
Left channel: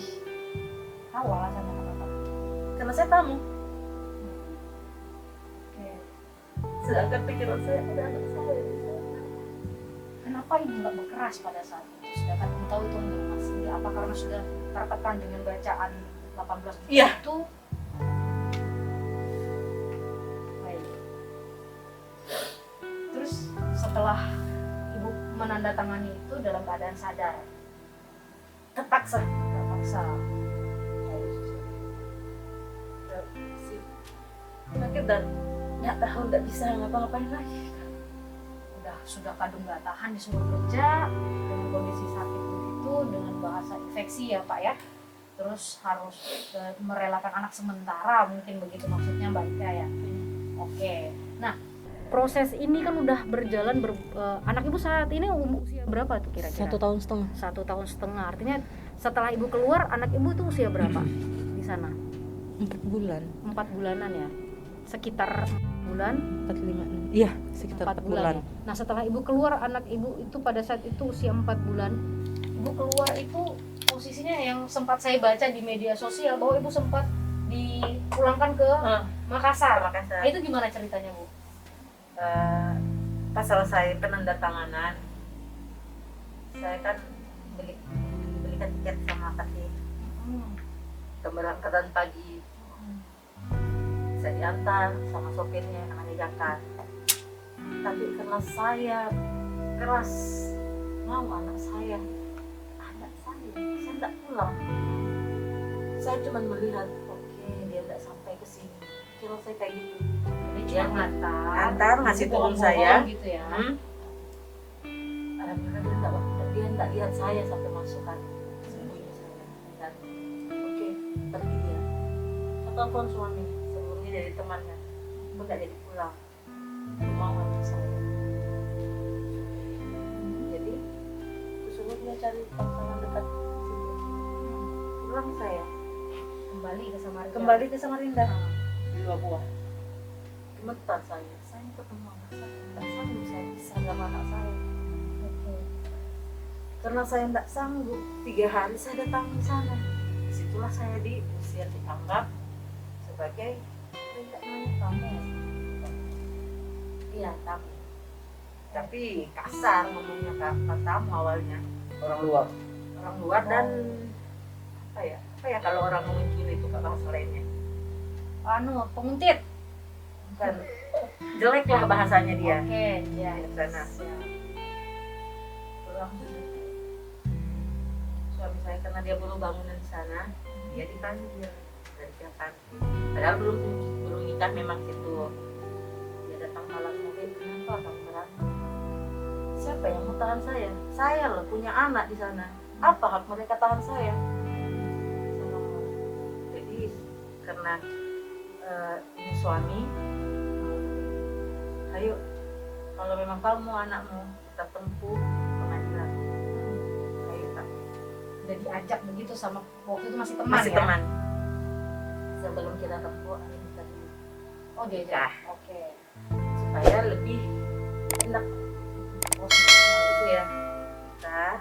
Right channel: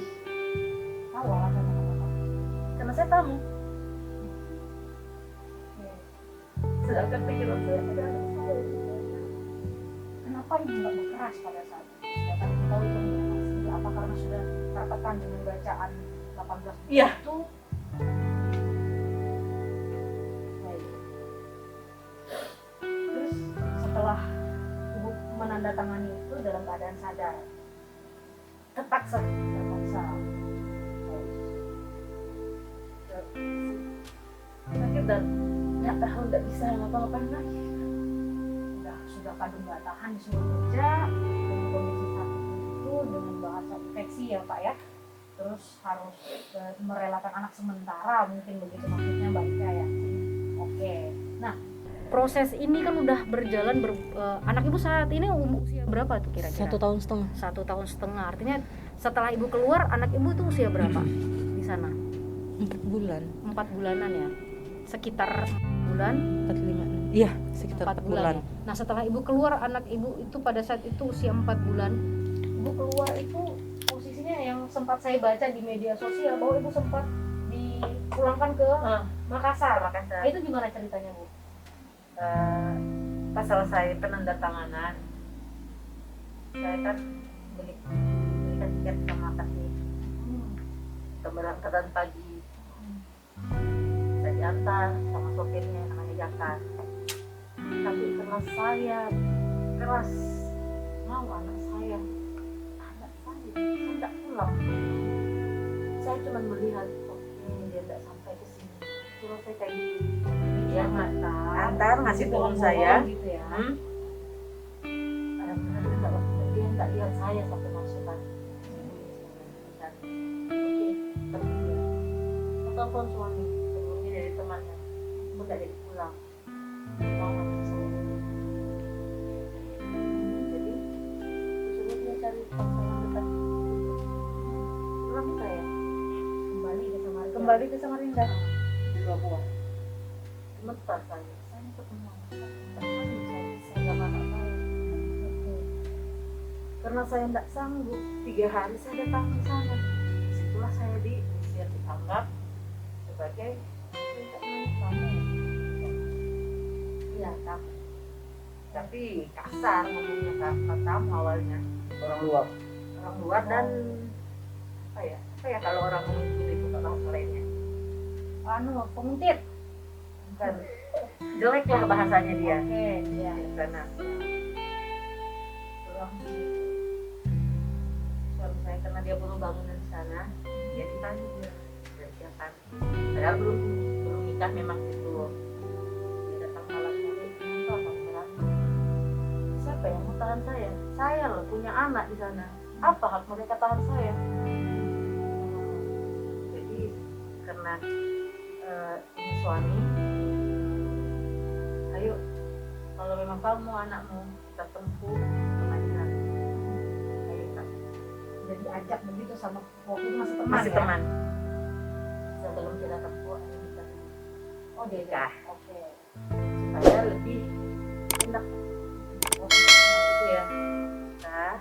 Tahu alasannya kenapa? Karena saya tamu. Oke. Sedangkan pikiran saya ada anak saya. Kenapa ibu nggak berkeras pada saat itu? Sedangkan ibu tahu itu berkeras. Ini apa karena sudah tertekan dengan bacaan 18 juta Iya. itu? Baik. Terus setelah ibu menandatangani itu dalam keadaan sadar, Terpaksa. terpaksa. Sakit dan nggak tahu, nggak bisa ngapa-ngapain lagi. Sudah kadung nggak tahan disuruh kerja dengan kondisi sakit begitu, dengan bahasa infeksi ya Pak ya, terus harus merelakan anak sementara, mungkin begitu maksudnya Mbak Ika ya. Oke, nah proses ini kan udah berjalan anak ibu saat ini usia berapa tuh kira-kira? 1,5 tahun. 1,5 tahun, artinya setelah ibu keluar anak ibu tuh usia berapa di sana? 4 bulan. 4 bulanan ya, sekitar 4 bulan. 4, 5, 6. Iya, sekitar 4 bulan. Ya. Nah setelah ibu keluar, anak ibu itu pada saat itu usia 4 bulan. Ibu keluar itu posisinya yang sempat saya baca di media sosial bahwa ibu sempat dipulangkan ke Makassar. Makassar. Nah, itu gimana ceritanya Bu? Pas selesai penandatanganan, saya kan belikan tiket sama kakak keberangkatan pagi. Saya diantar sama sopirnya namanya Jaka. Tapi karena saya keras mau anak saya tidak pulang. Saya cuma melihat, oke, dia tidak sampai ke sini. Cuma saya kayak gitu. Dia ngantar ngasih turun saya. gitu ya. Kadang-kadang dia tidak lihat saya sampai masuk kan. Sembunyi saya. Dan oke, pergi dia. Saya telepon suami sebelumnya dari temannya. Aku tidak jadi pulang. Mau anak saya. Jadi suruh dia cari pasangan dekat pulang saya. Kembali ke Samarinda. 2 buah. Gemetar saya ketemu anak saya. Tidak sanggup saya bisa sama anak saya. Karena saya tidak sanggup, 3 hari saya datang ke sana. Disitulah saya diusir, dianggap sebagai tamu. Iya, tamu. Tapi kasar ngomongnya, tamu awalnya. Orang luar dan apa ya kalau orang muncul itu kalau selainnya Penguntit. bukan jelek lah bahasanya dia. Oke, ya. Di sana. Pulang. Suami saya karena dia baru bangunan di sana, dia dipanggil, dikerjakan. Padahal belum nikah memang situ. Dia datang malam hari, kenapa kamu berantem? Siapa yang mau tahan saya? Saya loh punya anak di sana. Apa hak mereka tahan saya? Jadi karena ini suami, ayo kalau memang kamu anakmu kita tempuh pengadilan. Ayo Kak. Udah diajak begitu sama waktu itu masih teman Masih ya? teman. Sebelum kita tempuh, ayo kita Oh diajak. Oke. supaya lebih tindak itu ya. Nah,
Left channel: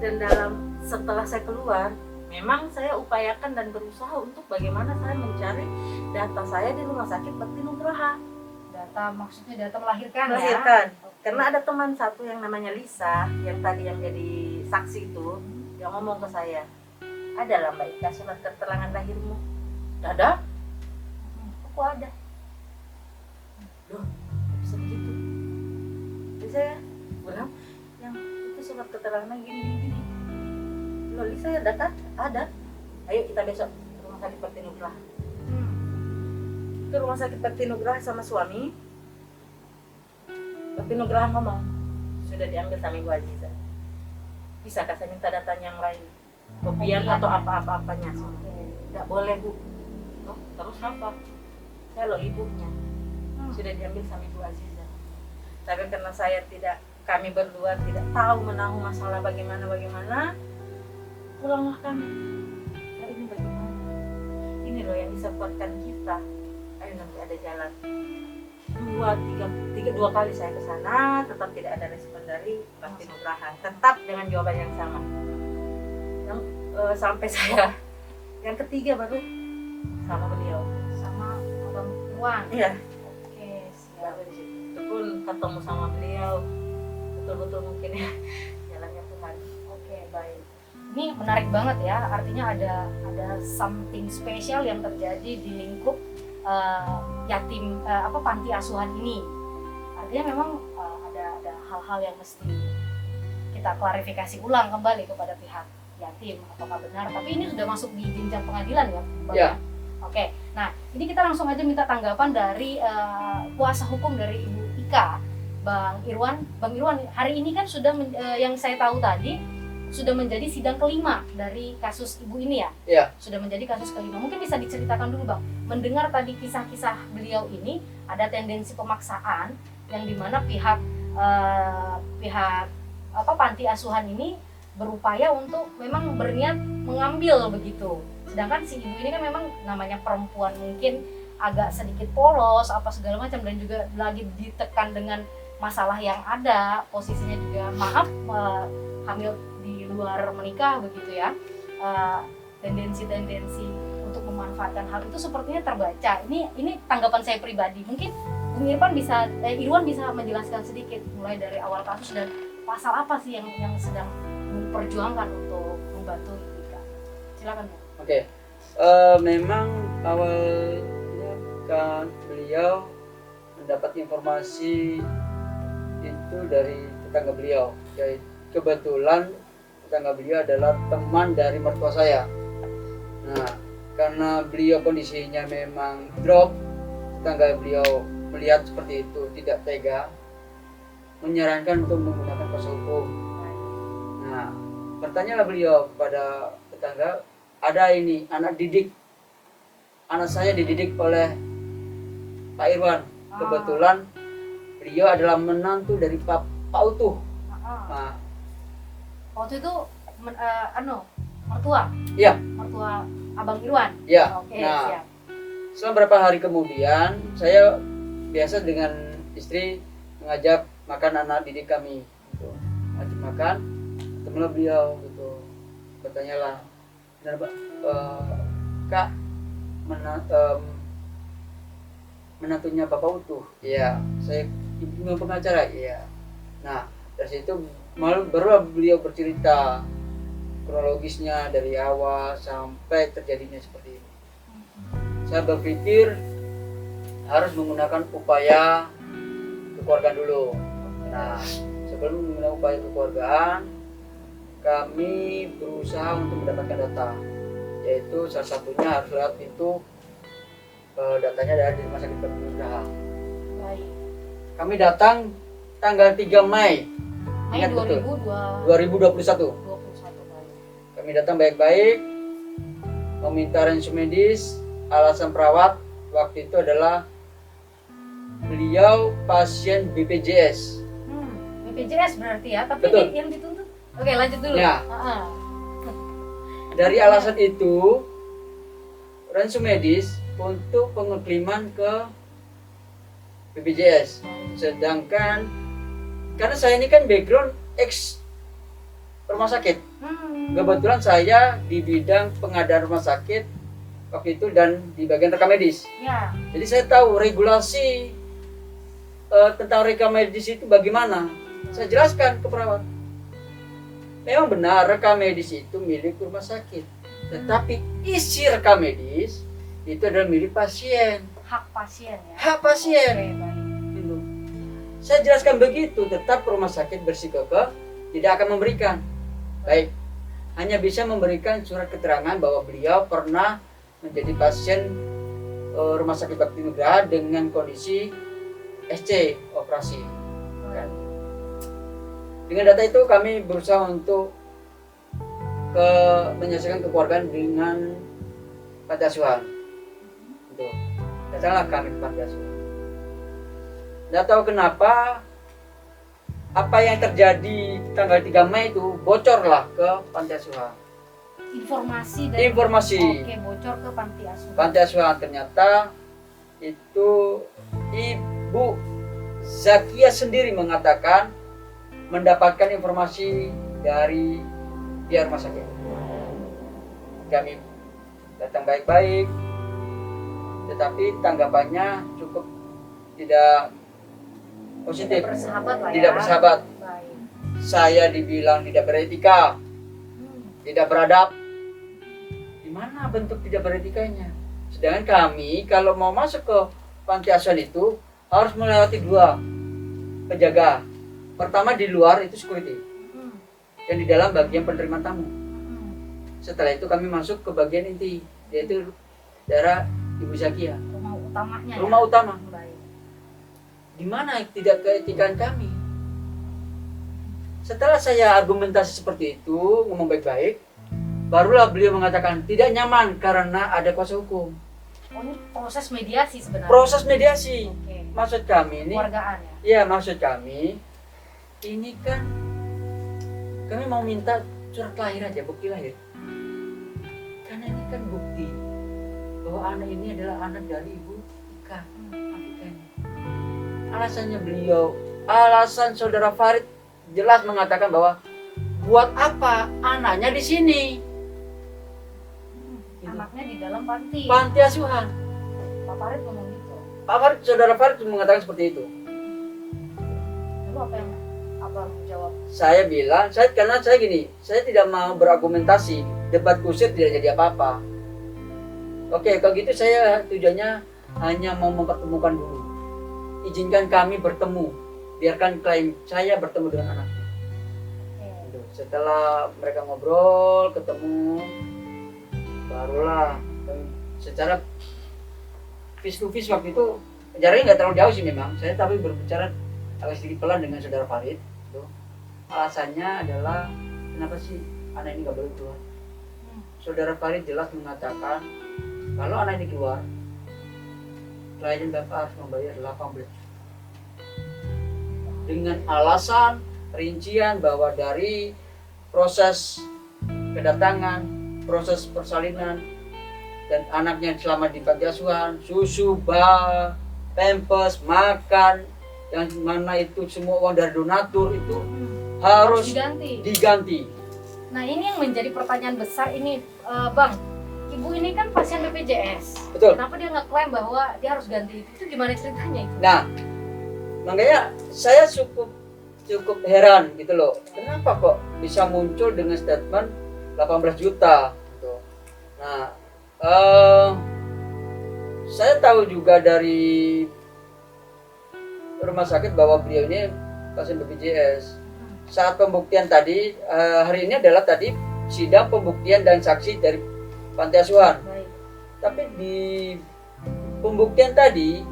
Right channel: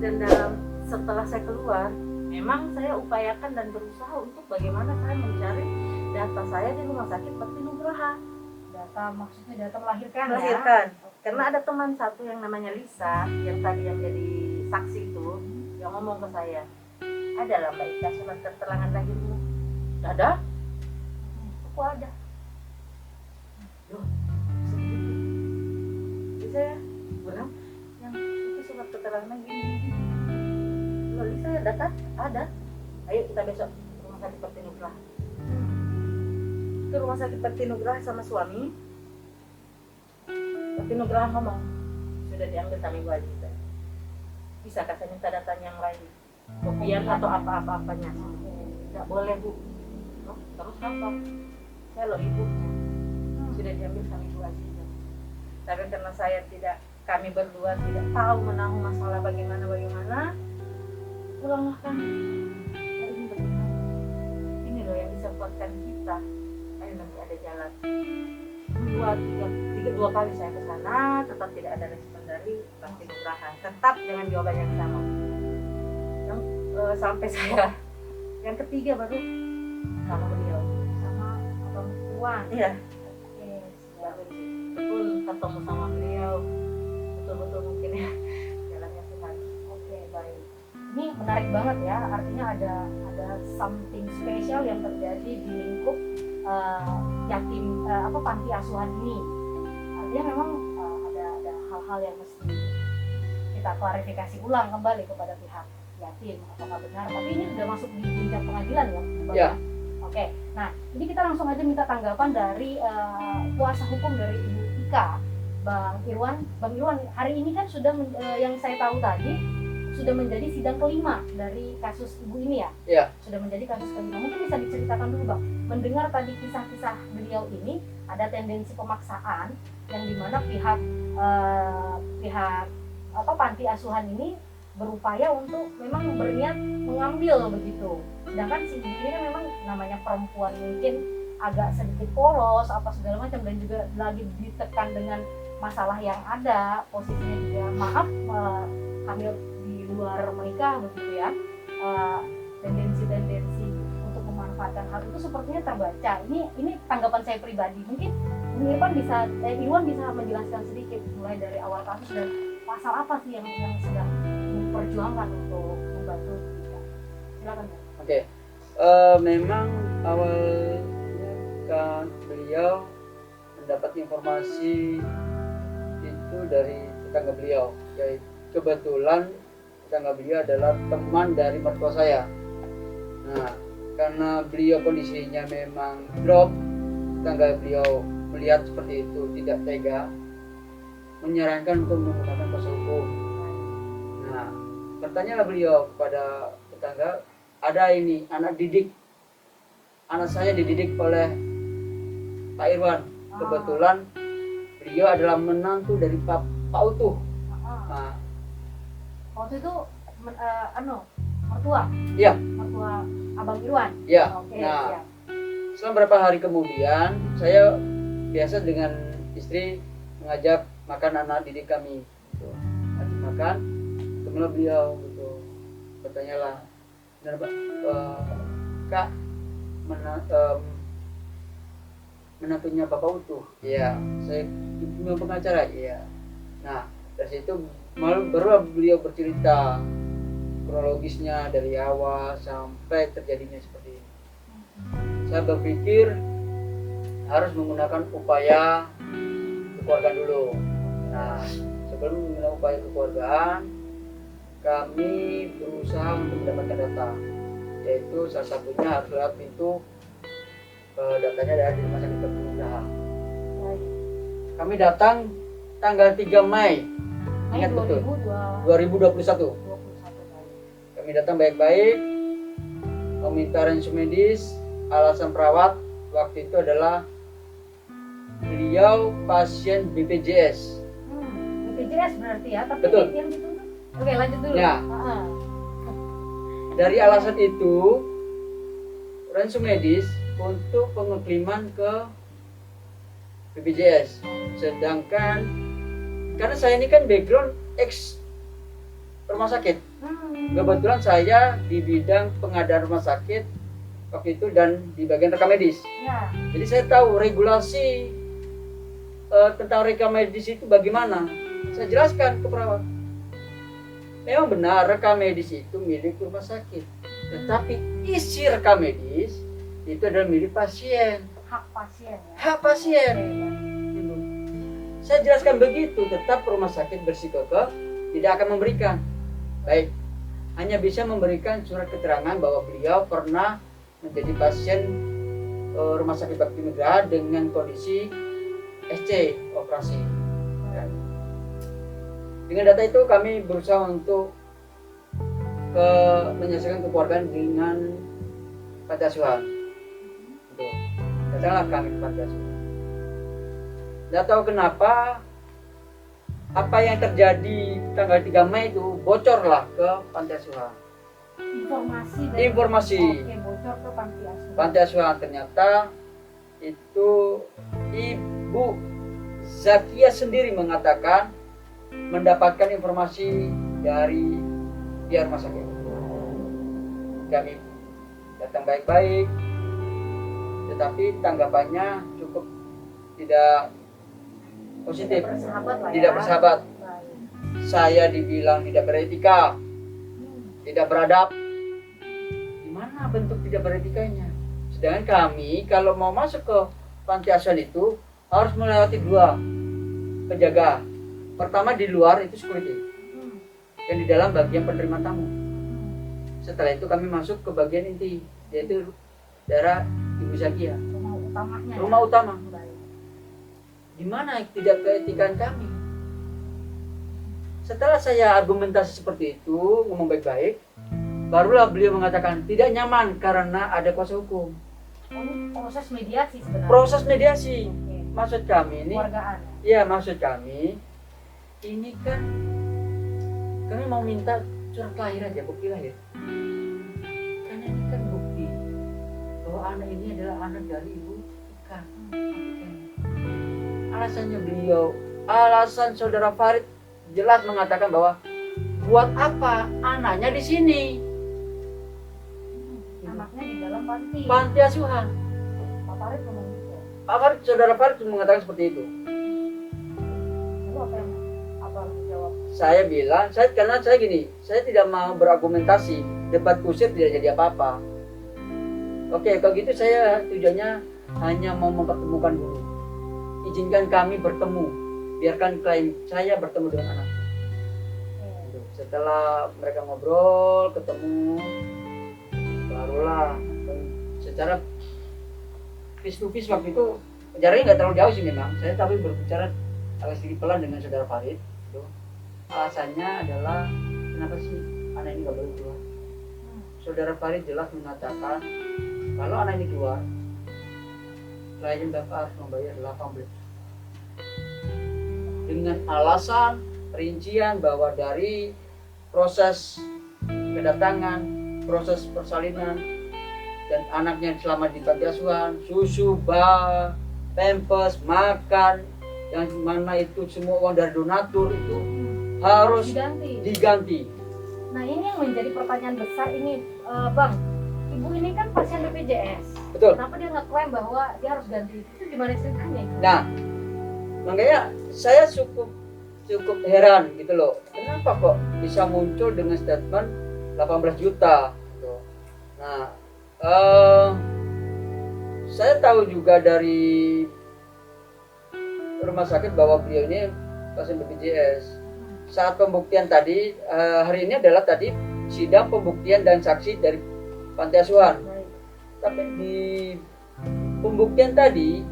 dan setelah saya keluar, memang saya upayakan dan berusaha untuk bagaimana saya mencari data saya di Rumah Sakit Bakti Nugraha. Maksudnya data melahirkan ya? Melahirkan. Karena ada teman satu yang namanya Lisa, yang tadi yang jadi saksi itu, yang ngomong ke saya, ada lah Mbak Ika surat keterangan lahirmu. Ada? Aku ada. Loh, bisa begitu? Jadi saya bilang, yang itu surat keterangan gini. Loh Lisa ada kah? Ada. Ayo kita besok ke Rumah Sakit Bakti Nugraha. Ke Rumah Sakit Bakti Nugraha sama suami. Bakti Nugraha ngomong, sudah diambil sama Ibu Aziza. Bisakah saya minta datanya yang lain? Kopian atau apa-apanya? Tidak boleh Bu. Oh, terus apa? Saya loh ibunya. Sudah diambil sama Ibu Aziza. Tapi karena kami berdua tidak tahu menahu masalah bagaimana, pulanglah kami. Nah, ini bagaimana? Ini loh yang bisa kuatkan kita. Ayo nanti ada jalan. 2 kali saya ke sana, tetap tidak ada respon dari Bakti Nugraha. Tetap dengan jawaban yang sama. Sampai saya yang ketiga baru sama beliau. Sama Abang Iwan. Iya. Oke, siap. Baru di situ pun ketemu sama beliau. Betul-betul mungkin ya jalannya Tuhan. Oke, baik. Ini menarik banget ya. Artinya ada something spesial yang terjadi di lingkup yatim panti asuhan ini. Artinya memang ada hal-hal yang mesti kita klarifikasi ulang kembali kepada pihak yatim apakah benar. Tapi ini sudah masuk di jenjang pengadilan ya, Bang? Ya. Oke. Nah, ini kita langsung aja minta tanggapan dari kuasa hukum dari Ibu Ika, Bang Irwan. Bang Irwan, hari ini kan sudah yang saya tahu tadi sudah menjadi sidang kelima dari kasus ibu ini ya? Iya. Sudah menjadi kasus kelima. Mungkin bisa diceritakan dulu Bang. Mendengar tadi kisah-kisah beliau ini ada tendensi pemaksaan yang dimana pihak panti asuhan ini berupaya untuk memang berniat mengambil begitu. Sedangkan si ibu ini kan memang namanya perempuan mungkin agak sedikit polos apa segala macam dan juga lagi ditekan dengan masalah yang ada, posisinya juga hamil di luar menikah begitu ya. Tendensi untuk memanfaatkan hal itu sepertinya terbaca. Ini tanggapan saya pribadi. Mungkin Irwan bisa menjelaskan sedikit mulai dari awal kasus dan pasal apa sih yang sedang memperjuangkan untuk membantu Ika. Silakan Bu. Oke. Memang awalnya kan beliau mendapat informasi itu dari tetangga beliau. Jadi kebetulan tetangga beliau adalah teman dari mertua saya. Nah, karena beliau kondisinya memang drop, tetangga beliau melihat seperti itu tidak tega, menyarankan untuk menggunakan kuasa hukum. Nah, bertanyalah beliau kepada tetangga, ada ini anak saya dididik oleh Pak Irwan. Kebetulan beliau adalah menantu dari Pak Utuh. Nah, Waktu itu mertua. Iya. Mertua Abang Irwan. Ya. Oke, Nah, siap. setelah beberapa hari kemudian saya biasa dengan istri mengajak makan anak didik kami gitu. Ajak makan, ketemulah beliau gitu. Bertanyalah, benar Pak, Kak menantunya Bapak Utuh? Iya. Saya ibu pengacara. Iya. Nah, dari situ baru beliau bercerita kronologisnya dari awal sampai terjadinya seperti ini. Saya berpikir harus menggunakan upaya kekeluargaan dulu. Nah, sebelum menggunakan upaya kekeluargaan, kami berusaha untuk mendapatkan data, yaitu salah satunya harus lewat pintu datanya dari Rumah Sakit Permudaha. Baik. Kami datang tanggal 3 Mei Mei Ingat betul. 2021. 2021. Kami datang baik-baik, meminta rensum medis. Alasan perawat waktu itu adalah beliau pasien BPJS. BPJS berarti ya, tapi Betul. yang dituntut. Oke, lanjut dulu. Ya. Dari alasan itu, rensum medis untuk pengekliman ke BPJS. Sedangkan karena saya ini kan background ex rumah sakit. Kebetulan saya di bidang pengadaan rumah sakit waktu itu dan di bagian rekam medis. Ya. Jadi saya tahu regulasi tentang rekam medis itu bagaimana. Saya jelaskan ke perawat. Memang benar rekam medis itu milik rumah sakit. Tetapi isi rekam medis itu adalah milik pasien. Hak pasien ya. Hak pasien. Oke, baik. Gitu. Saya jelaskan begitu, tetap rumah sakit bersikukuh tidak akan memberikan. Baik, hanya bisa memberikan surat keterangan bahwa beliau pernah menjadi pasien Rumah Sakit Bakti Nugraha dengan kondisi SC operasi. Kan? Dengan data itu kami berusaha untuk menyelesaikan kekeluargaan dengan panti asuhan. Gitu. Datanglah kami ke panti asuhan. Tidak tahu kenapa apa yang terjadi tanggal 3 Mei itu bocorlah ke panti asuhan. Informasi. Oke, bocor ke panti asuhan. Panti asuhan ternyata itu Ibu Zakia sendiri mengatakan mendapatkan informasi dari pihak rumah sakit. Kami datang baik-baik, tetapi tanggapannya cukup tidak positif, Bersahabat lah ya. tidak bersahabat. Baik. Saya dibilang tidak beretika, tidak beradab. Gimana bentuk tidak beretikanya? Sedangkan kami kalau mau masuk ke panti asuhan itu harus melewati 2 penjaga. Pertama di luar itu security, yang di dalam bagian penerimaan tamu. Setelah itu kami masuk ke bagian inti, yaitu daerah Ibu Zakia, Rumah utamanya. rumah ya? utama. Baik. Di mana tidak keetikan kami? Setelah saya argumentasi seperti itu, ngomong baik-baik, barulah beliau mengatakan tidak nyaman karena ada kuasa hukum. Oh, ini proses mediasi sebenarnya. Proses mediasi. Oke. Maksud kami ini, Keluargaan ya. ya maksud kami ini kan kami mau minta surat lahir aja, bukti lahir. Karena ini kan bukti bahwa anak ini adalah anak dari Ibu Ika. Alasan saudara Farid jelas mengatakan bahwa buat apa anaknya di sini? Anaknya di dalam panti. Panti asuhan. Pak Farid ngomong gitu. Pak Farid, saudara Farid mengatakan seperti itu. Lalu apa yang abang jawab? Saya bilang, karena saya gini, saya tidak mau berargumentasi, debat kusir tidak jadi apa-apa. Oke, kalau gitu saya tujuannya hanya mau mempertemukan dulu. Izinkan kami bertemu, biarkan klien saya bertemu dengan anaknya. Gitu. Setelah mereka ngobrol, ketemu, barulah secara face to face waktu itu jaraknya nggak terlalu jauh sih memang. Saya tapi berbicara agak sedikit pelan dengan saudara Farid. Gitu. Alasannya adalah kenapa sih anak ini nggak boleh keluar? Saudara Farid jelas mengatakan kalau anak ini keluar, klien bapak harus membayar 18 juta. Dengan alasan rincian bahwa dari proses kedatangan, proses persalinan, dan anaknya selama di panti asuhan, susu, pampers, makan, yang mana itu semua uang dari donatur itu harus diganti. Nah ini yang menjadi pertanyaan besar ini, Bang. Ibu ini kan pasien BPJS. Betul. Kenapa dia ngeklaim bahwa dia harus ganti itu? Gimana ceritanya itu? Nah, makanya saya cukup heran gitu loh. Kenapa kok bisa muncul dengan statement 18 juta? Gitu. Nah, saya tahu juga dari rumah sakit bahwa beliau ini pasien BPJS. Saat pembuktian tadi, hari ini adalah tadi sidang pembuktian dan saksi dari panti asuhan. Baik. Tapi di pembuktian tadi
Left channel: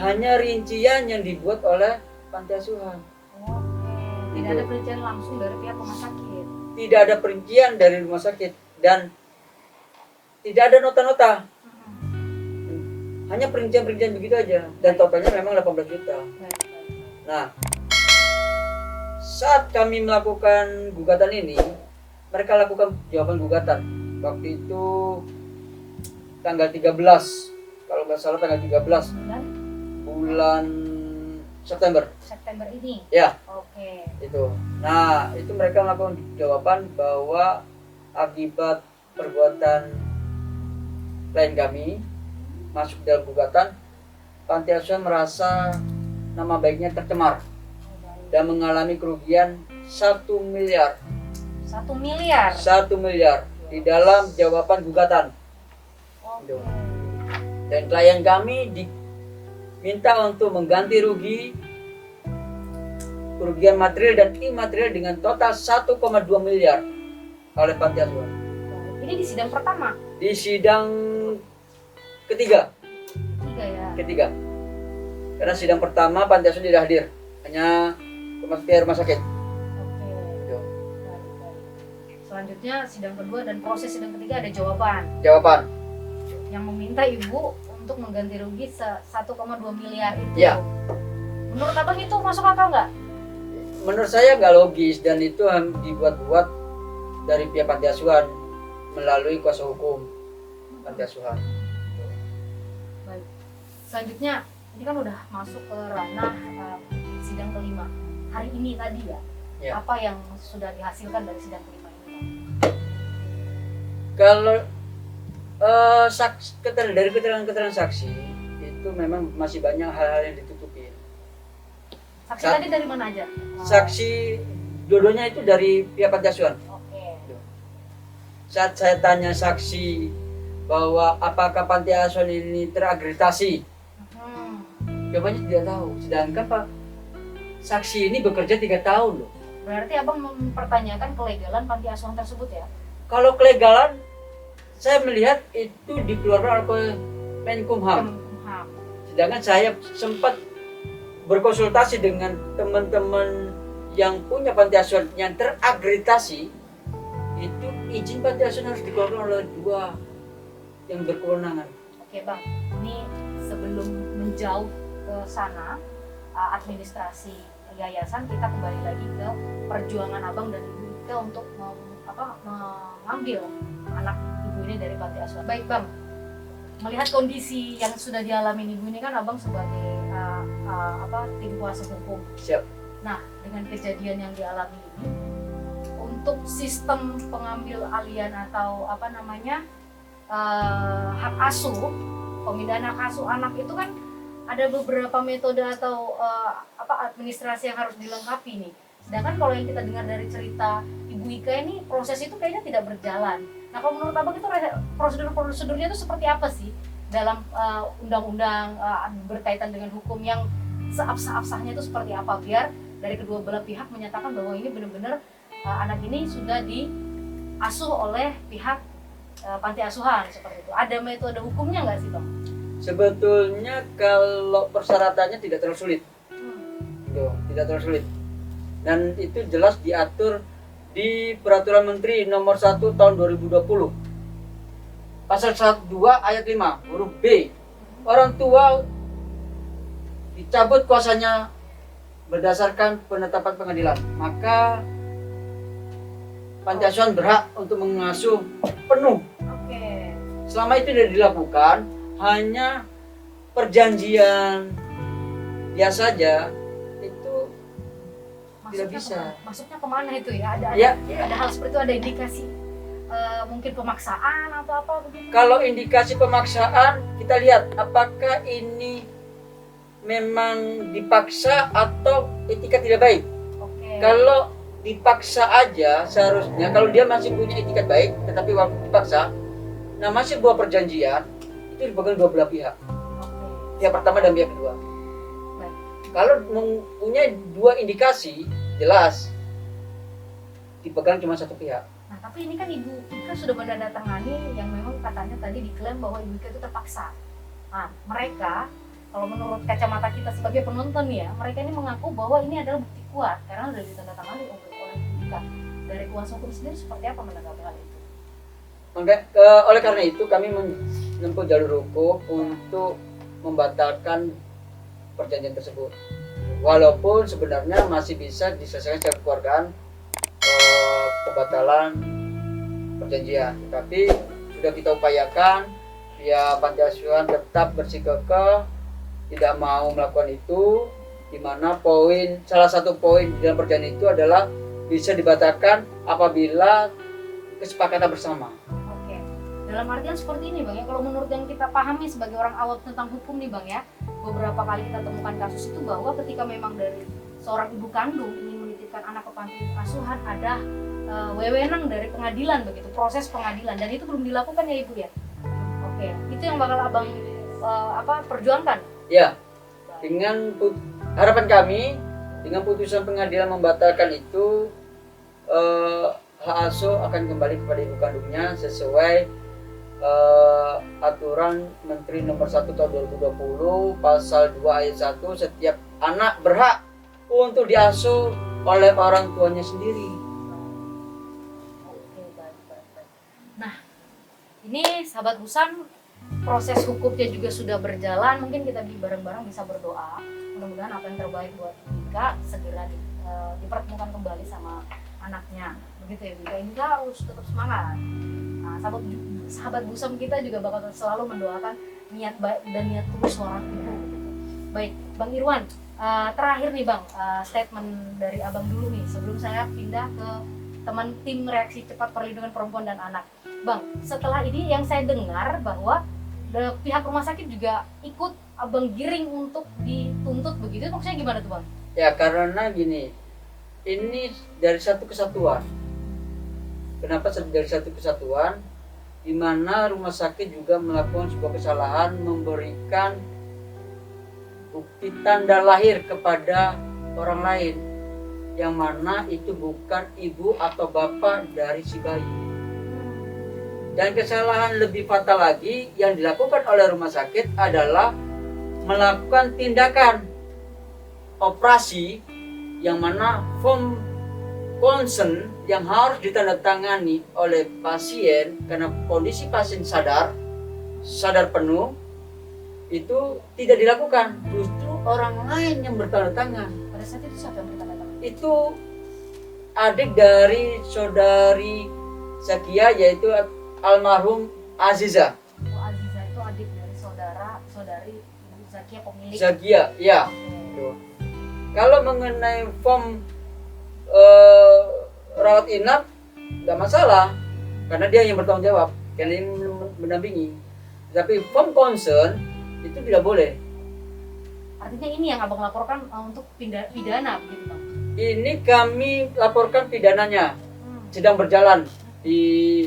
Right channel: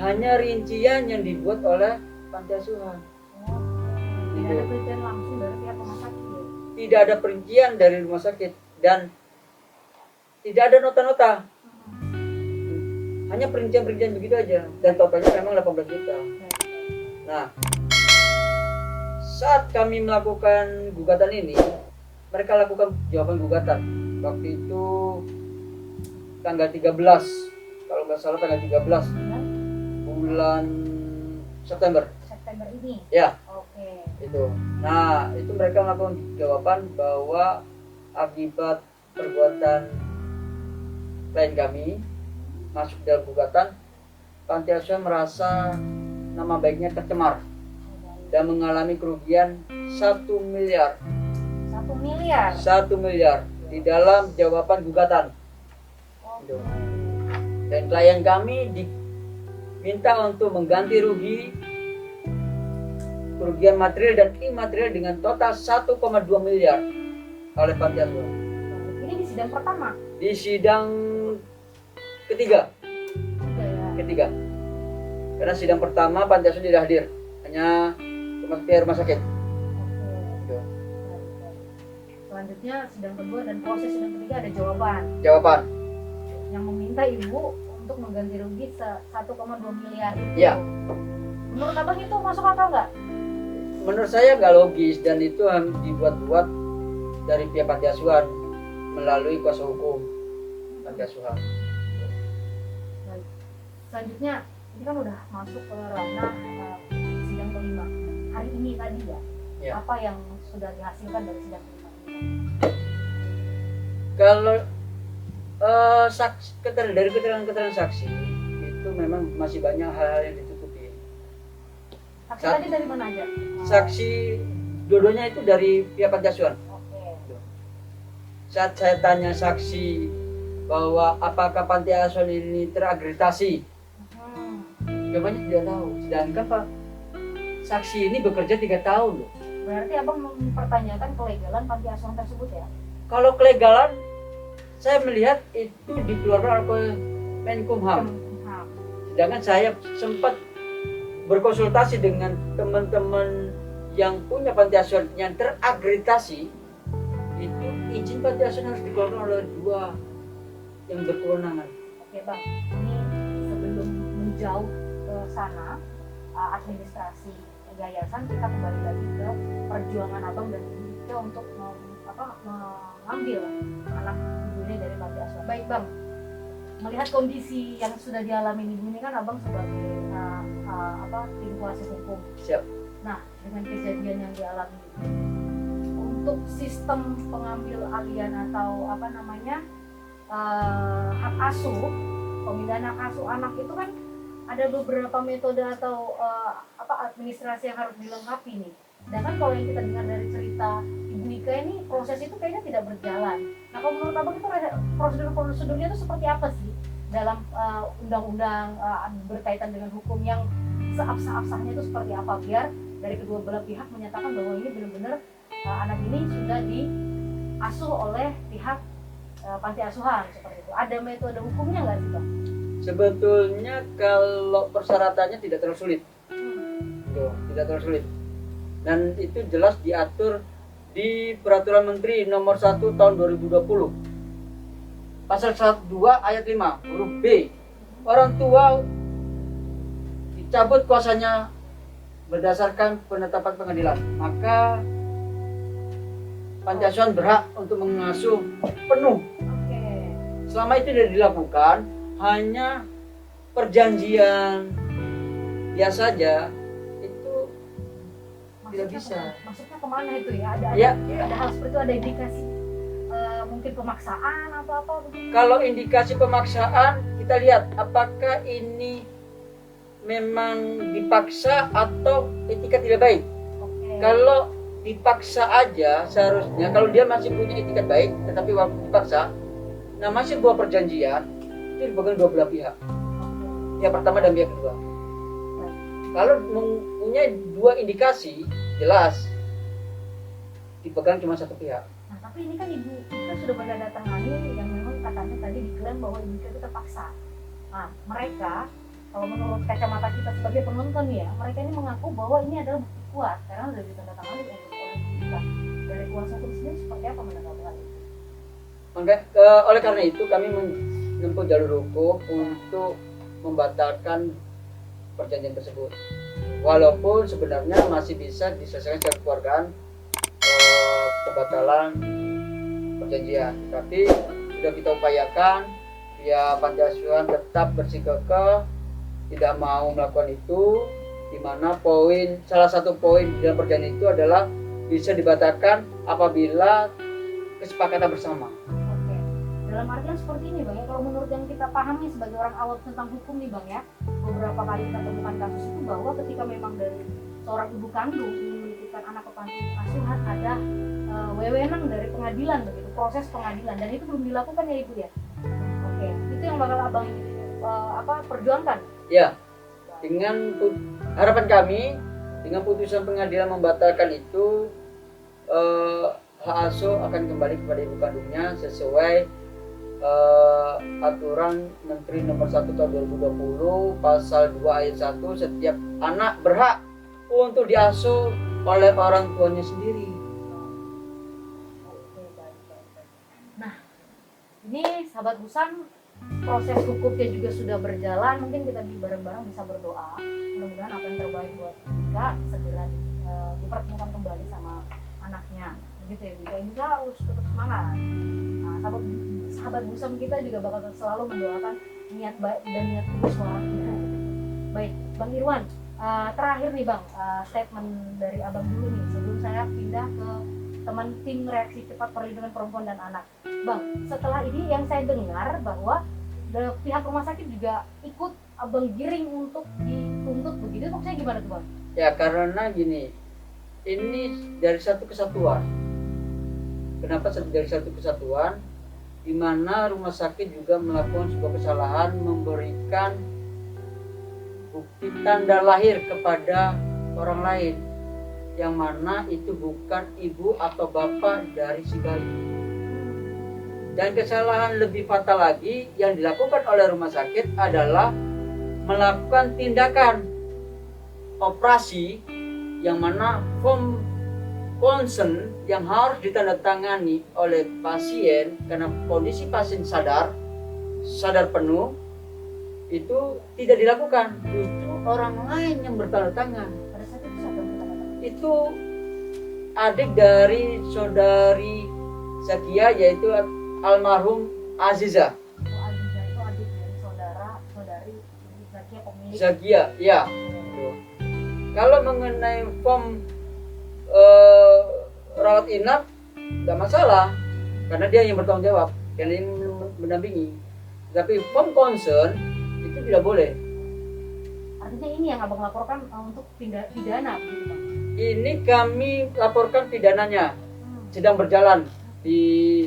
hanya rincian yang dibuat oleh panti asuhan. Tidak ada perincian langsung dari pihak rumah sakit. Tidak ada perincian dari rumah sakit dan tidak ada nota-nota. Hanya perincian-perincian begitu aja dan totalnya memang 18 juta. Nah, saat kami melakukan gugatan ini, mereka lakukan jawaban gugatan. Waktu itu tanggal 13, kalau nggak salah tanggal 13 bulan September ini. ya. Oke. Itu. Nah, itu mereka melakukan jawaban bahwa akibat perbuatan klien kami masuk dalam gugatan, panti asuhan merasa nama baiknya tercemar dan mengalami kerugian 1 miliar. 1 miliar. 1 miliar di dalam jawaban gugatan. Oke. Dan klien kami diminta untuk mengganti kerugian material dan imaterial dengan total 1,2 miliar oleh panti asuhan. Ini di sidang pertama. Di sidang ketiga. Ya. Karena sidang pertama panti asuhan tidak hadir, hanya pihak rumah sakit. Oke. Selanjutnya sidang kedua dan proses sidang ketiga ada jawaban yang meminta ibu untuk mengganti rugi 1,2 miliar itu. Ya. Menurut abang itu masuk akal nggak? Menurut saya nggak logis dan itu dibuat-buat dari pihak panti asuhan melalui kuasa hukum panti asuhan. Baik. Selanjutnya ini kan udah masuk ke ranah sidang kelima hari ini tadi ya. Apa yang sudah dihasilkan dari sidang kelima ini? Kalau dari keterangan saksi itu memang masih banyak hal-hal yang ditutupin. Saksi tadi dari mana aja? Saksi dua-duanya itu dari pihak panti asuhan. Oke. Saat saya tanya saksi bahwa apakah panti asuhan ini terakreditasi, jawabannya tidak tahu. Sedangkan Pak saksi ini bekerja 3 tahun loh. Berarti abang mempertanyakan kelegalan panti asuhan tersebut ya? Kalau kelegalan, saya melihat itu dikeluarkan oleh Menkumham. Sedangkan saya sempat berkonsultasi dengan teman-teman yang punya panti asuhan yang terakreditasi, itu izin panti asuhan harus dikeluarkan oleh 2 yang berkewenangan. Oke bang, ini sebelum menjauh ke sana administrasi yayasan, kita kembali lagi ke perjuangan abang dan ibu kita untuk mengambil anak ibu ini dari panti asuhan. Baik bang, melihat kondisi yang sudah dialami ibu ini kan abang sebagai tim kuasa hukum. Siap. Nah, dengan kejadian yang dialami ini, untuk sistem pengambil alian atau hak asuh, pemindahan hak asuh anak itu kan ada beberapa metode atau administrasi yang harus dilengkapi nih. Sedangkan kalau yang kita dengar dari cerita ibu Ibu Ika ini proses itu kayaknya tidak berjalan. Nah kalau menurut abang itu prosedurnya itu seperti apa sih dalam undang-undang berkaitan dengan hukum yang seabsah-absahnya itu seperti apa, biar dari kedua belah pihak menyatakan bahwa ini benar-benar anak ini sudah diasuh oleh pihak panti asuhan seperti itu. Ada metode hukumnya nggak sih Bang? Sebetulnya kalau persyaratannya tidak terlalu sulit. Tuh, tidak terlalu sulit. Dan itu jelas diatur di Peraturan Menteri Nomor 1 Tahun 2020. Pasal 2 ayat 5 huruf B. Orang tua dicabut kuasanya berdasarkan penetapan pengadilan. Maka panti asuhan berhak untuk mengasuh penuh. Oke. Selama itu tidak dilakukan, hanya perjanjian biasa saja, itu tidak bisa. Masuknya kemana itu ya? Ada hal seperti itu, ada indikasi mungkin pemaksaan atau apa begitu? Kalau indikasi pemaksaan, kita lihat apakah ini memang dipaksa atau etikat tidak baik. Oke. Kalau dipaksa aja, seharusnya kalau dia masih punya etikat baik, tetapi waktu dipaksa, nah masih buah perjanjian, itu dipegang dua belah pihak, pihak pertama dan pihak kedua. Kalau mempunyai dua indikasi, jelas dipegang cuma satu pihak. Nah tapi ini kan Ibu Ika sudah menandatangani yang memang katanya tadi diklaim bahwa Ibu Ika itu terpaksa. Nah mereka, kalau menurut kacamata kita sebagai penonton ya, mereka ini mengaku bahwa ini adalah bukti kuat karena sudah ditandatangani oleh Ibu Ika. Dari kuasa hukum sendiri seperti apa menanggapi hal itu? Oleh karena itu kami menempuh jalur hukum untuk membatalkan perjanjian tersebut. Walaupun sebenarnya masih bisa diselesaikan secara kekeluargaan pembatalan perjanjian, tapi sudah kita upayakan ya panti asuhan tetap bersikukuh tidak mau melakukan itu, di mana salah satu poin dalam perjanjian itu adalah bisa dibatalkan apabila kesepakatan bersama. Oke. Dalam artian seperti ini Bang ya, kalau menurut yang kita pahami sebagai orang awam tentang hukum nih Bang ya, beberapa kali kita temukan kasus itu bahwa ketika memang dari seorang ibu kandung ingin menitipkan anak ke panti asuhan, ada wewenang dari pengadilan begitu, proses pengadilan, dan itu belum dilakukan ya Ibu ya. Oke, itu yang bakal Abang perjuangkan. Ya, dengan harapan kami dengan putusan pengadilan membatalkan itu, hak asuh akan kembali kepada ibu kandungnya sesuai aturan Menteri Nomor 1 Tahun 2020 Pasal 2 ayat 1, setiap anak berhak untuk diasuh oleh orang tuanya sendiri. Oke, baik. Nah, ini sahabat Busam, proses hukumnya juga sudah berjalan. Mungkin kita bareng-bareng bisa berdoa, mudah-mudahan apa yang terbaik buat Ika segera dipertemukan kembali sama anaknya. Begitu ya, Ika. Ika harus tetap semangat. Nah, sahabat Busam kita juga bakal selalu mendoakan niat baik dan niat tulus seorang ibu. Baik, Bang Irwan, terakhir nih Bang, statement dari Abang dulu nih sebelum saya pindah ke teman tim reaksi cepat perlindungan perempuan dan anak. Bang, setelah ini yang saya dengar bahwa pihak rumah sakit juga ikut Abang giring untuk dituntut begitu, maksudnya gimana tuh Bang? Ya karena gini, ini dari satu kesatuan. Kenapa dari satu kesatuan? Di mana rumah sakit juga melakukan sebuah kesalahan memberikan bukti tanda lahir kepada orang lain, yang mana itu bukan ibu atau bapak dari si bayi. Dan kesalahan lebih fatal lagi yang dilakukan oleh rumah sakit adalah melakukan tindakan operasi yang mana form consent yang harus ditandatangani oleh pasien karena kondisi pasien sadar penuh itu tidak dilakukan, justru orang lain yang bertanda tangan. Pada saat itu siapa yang bertanda tangan? Itu adik dari saudari Zakia, yaitu almarhum Aziza. Oh, Aziza itu adik dari saudari Ibu Zakia pemilik. Zakia, ya. Kalau mengenai form rawat inap nggak masalah, karena dia yang bertanggung jawab, karena yang mendampingi. Tapi form concern itu tidak boleh. Artinya ini yang Abang laporkan untuk pidana begitu Bang? Ini kami laporkan pidananya. sedang berjalan di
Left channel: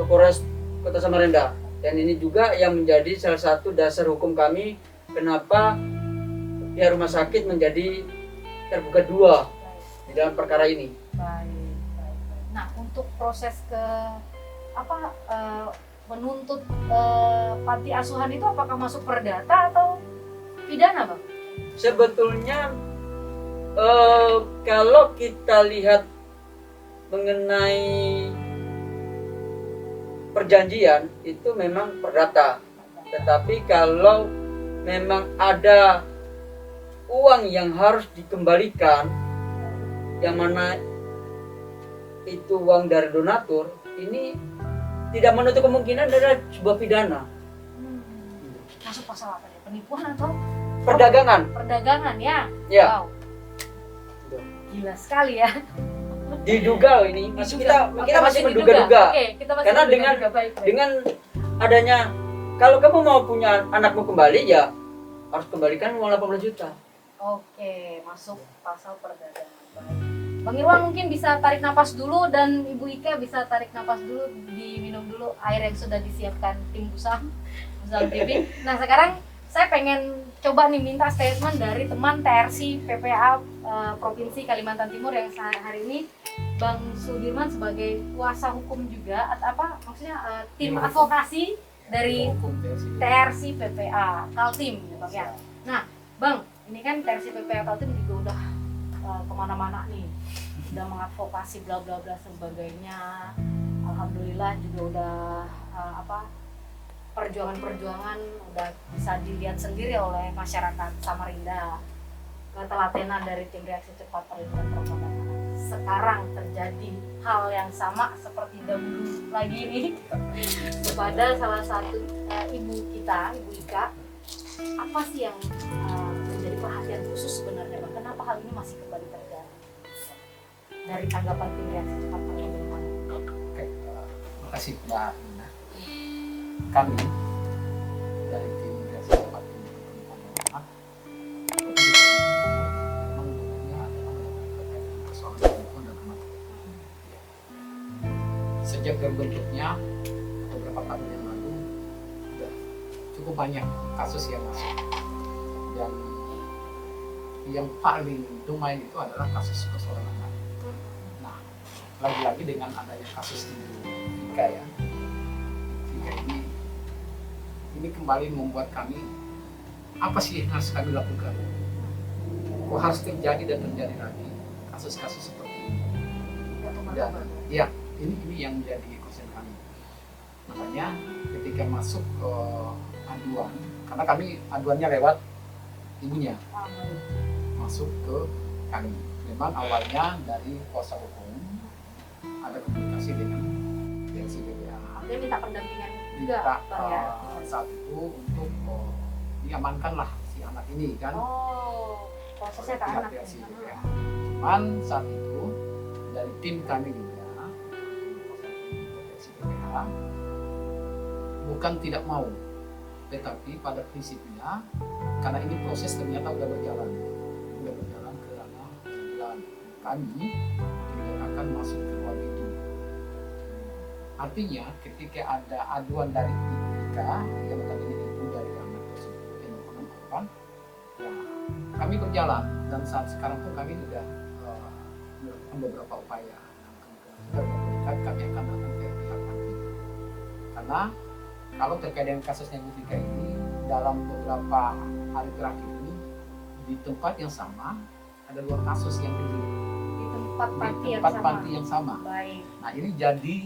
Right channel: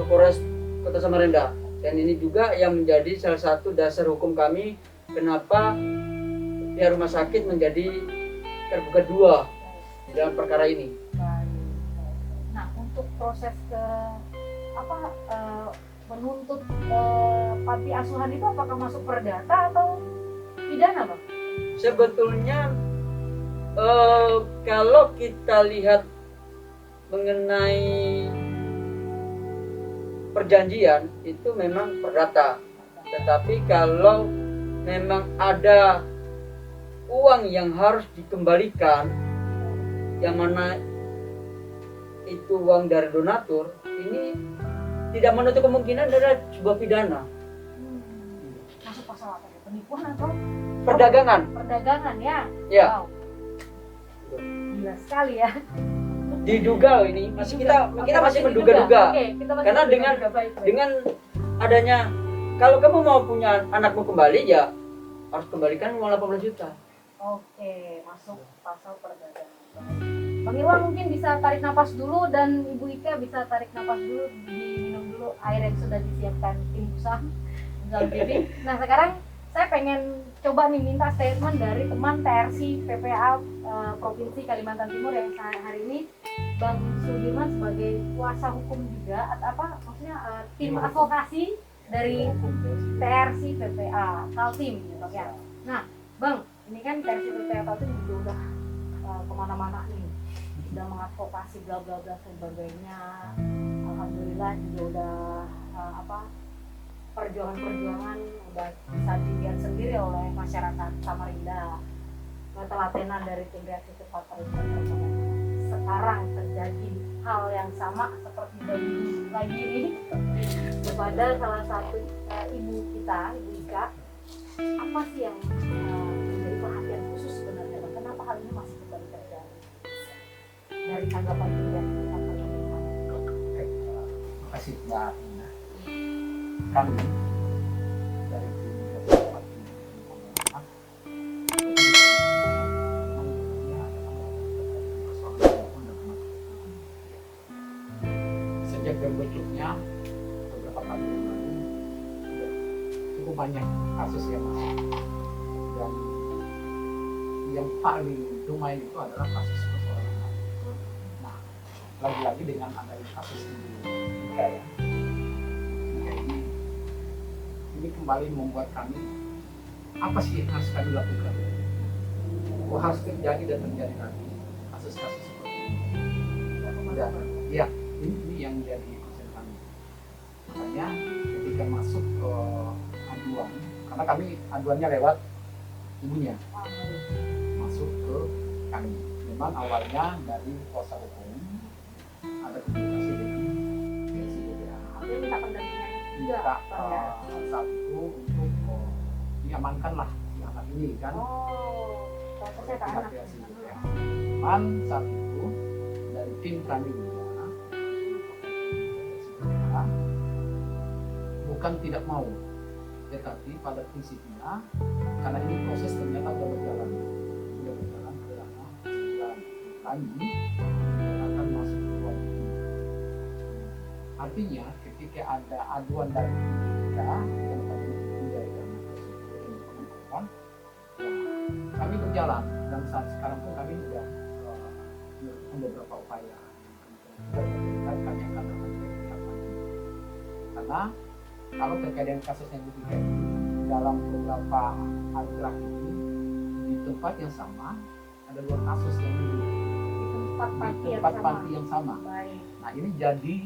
Polres Kota Samarinda. Dan ini juga yang menjadi salah satu dasar hukum kami kenapa pihak rumah sakit menjadi tergugat dua di dalam perkara ini. Baik. Nah, untuk proses ke menuntut panti asuhan itu apakah masuk perdata atau pidana, Bang? Sebetulnya kalau kita lihat mengenai perjanjian itu memang perdata, tetapi kalau memang ada uang yang harus dikembalikan, yang mana itu uang dari donatur, ini tidak menutup kemungkinan adalah sebuah pidana. Masuk pasal apa ya? Penipuan atau Perdagangan. perdagangan ya? Ya. Wow. Gila sekali ya. Diduga loh ini. Kita Oke, masih menduga-duga. Oke, kita masih Karena menduga-duga. Baik. Dengan adanya, kalau kamu mau punya anakmu kembali, ya harus kembalikan uang 18 juta. Oke, masuk pasal perdagangan. Baik. Bang Irwan mungkin bisa tarik napas dulu dan Ibu Ika bisa tarik napas dulu, diminum dulu air yang sudah disiapkan tim Busam TV. Nah, sekarang saya pengen coba nih minta statement dari teman TRC PPA Provinsi Kalimantan Timur yang hari ini Bang Sudirman sebagai kuasa hukum juga atau maksudnya tim advokasi dari TRC PPA Kaltim ya Bang ya. Nah Bang, ini kan TRC PPA Kaltim juga udah kemana-mana nih, udah mengadvokasi bla bla bla sebagainya. Alhamdulillah juga udah perjuangan-perjuangan udah bisa dilihat sendiri oleh masyarakat Samarinda. Ketelatenan dari tim reaksi cepat perlindungan perempuan. Sekarang terjadi hal yang sama seperti dahulu lagi ini kepada salah satu ibu kita, Ibu Ika. Apa sih yang menjadi perhatian khusus sebenarnya Bang? Kenapa hal ini masih kembali terjadi? Dari tanggapan tim reaksi cepat perlindungan. Oke, terima kasih Mbak Nina. Kami dari tim reaksi cepat perlindungan sejak terbentuknya beberapa tahun yang lalu sudah cukup banyak kasus yang masuk, dan yang paling domain itu adalah kasus persoalan anak. Nah, lagi-lagi dengan adanya kasus Ibu Ika ya, Ika ini kembali membuat kami, apa sih yang harus kami lakukan? Kok harus terjadi dan terjadi lagi kasus-kasus seperti ini? Dan ya, ini yang menjadi concern kami. Makanya ketika masuk ke aduan, karena kami aduannya lewat ibunya, masuk ke kami. Memang awalnya dari kuasa hukum ada komunikasi dengan TRC PPA. Dia minta pendampingan juga Minta Bang ya. saat itu untuk diamankanlah si anak ini kan. Oh, prosesnya ke pihak anak. TRC PPA. Cuman saat itu dari tim kami juga TRC PPA bukan tidak mau, tetapi pada prinsipnya karena ini proses ternyata sudah berjalan ke ranah pengadilan, kami akan masuk ke ruang itu. Artinya ketika ada aduan dari Ika yang tadinya ibu dari anak tersebut yang merupakan korban, kami berjalan, dan saat sekarang pun kami sudah melakukan beberapa upaya. Kami akan datang ke pihak panti, karena kalau terkait dengan kasusnya Bu Ika ini dalam beberapa hari terakhir ini di tempat yang sama ada 2 kasus yang Di tempat panti yang sama. Baik. Nah ini jadi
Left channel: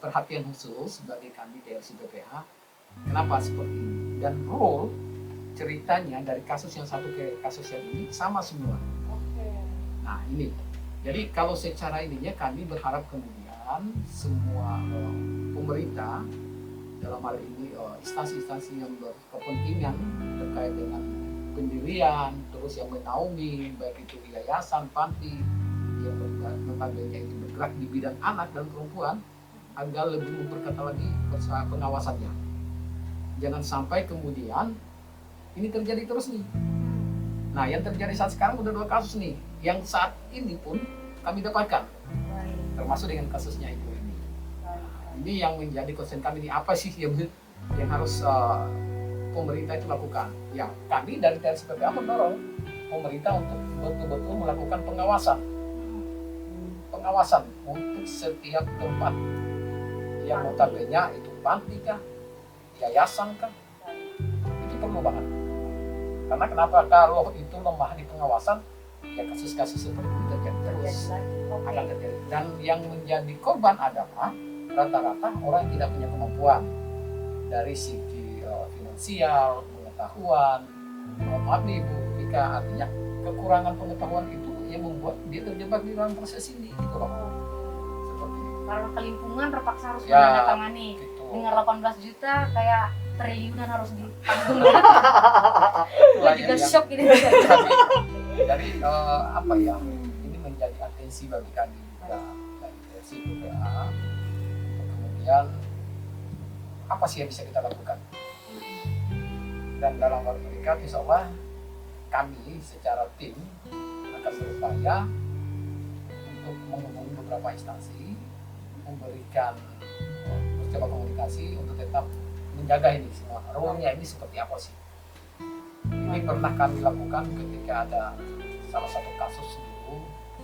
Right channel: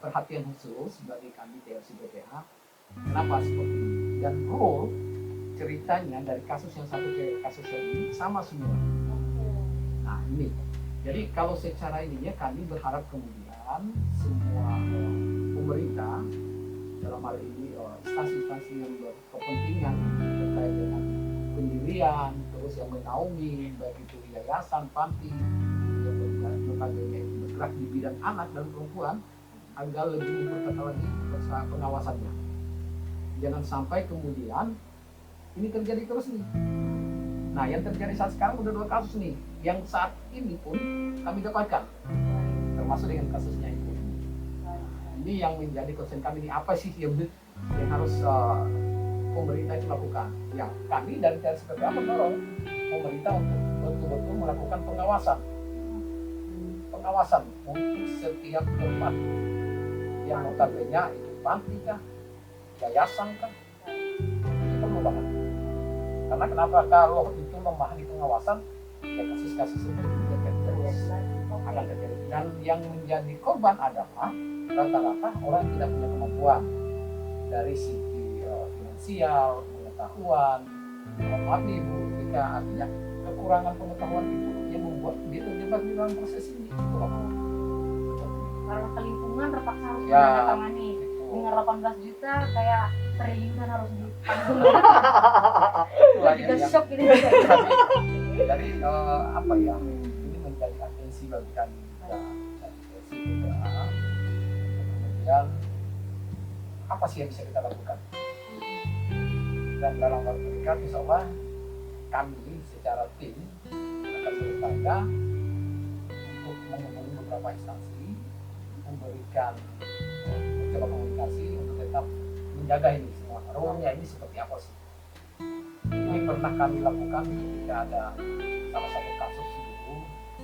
perhatian khusus bagi kami TRC PPA. Kenapa seperti ini? Dan role ceritanya dari kasus yang satu ke kasus yang ini sama semua. Oke. Nah ini, jadi kalau secara ininya kami berharap kemudian semua pemerintah dalam hal ini instansi-instansi yang berkepentingan terkait dengan pendirian, terus yang menaungi baik itu yayasan, panti yang notabene itu bergerak di bidang anak dan perempuan agar lebih memperketat lagi pengawasannya. Jangan sampai kemudian ini terjadi terus nih. Nah yang terjadi saat sekarang udah 2 kasus nih yang saat ini pun kami dapatkan, termasuk dengan kasusnya ibu ini. Ini yang menjadi concern kami, ini apa sih yang harus pemerintah itu lakukan. Yang kami dari TRSPPA mendorong pemerintah untuk betul-betul melakukan pengawasan untuk setiap tempat yang notabene itu panti kah, yayasan kah, itu perlu banget. Karena kenapa, kalau itu lemah di pengawasan, ya kasus-kasus seperti itu terjadi terus, akan terjadi. Dan yang menjadi korban adalah rata-rata orang yang tidak punya kemampuan dari segi finansial, pengetahuan. Maaf nih Bu Ika, artinya kekurangan pengetahuan itu yang membuat dia terjebak di dalam proses ini gitu loh. Seperti itu. Karena kelingkungan terpaksa harus Ya, menandatangani. gitu. Dengan 18 juta kayak triliunan harus ditanggung. Gue Itulah juga yang- shock ini. Jadi apa ya, ini menjadi atensi bagi kami juga dari TRSPPA. Kemudian apa sih yang bisa kita lakukan? Dan dalam waktu dekat insya Allah kami secara tim akan berupaya untuk menghubungi beberapa instansi, memberikan mencoba komunikasi untuk tetap menjaga ini semua. Role-nya ini seperti apa sih? Ini pernah kami lakukan ketika ada salah satu kasus dulu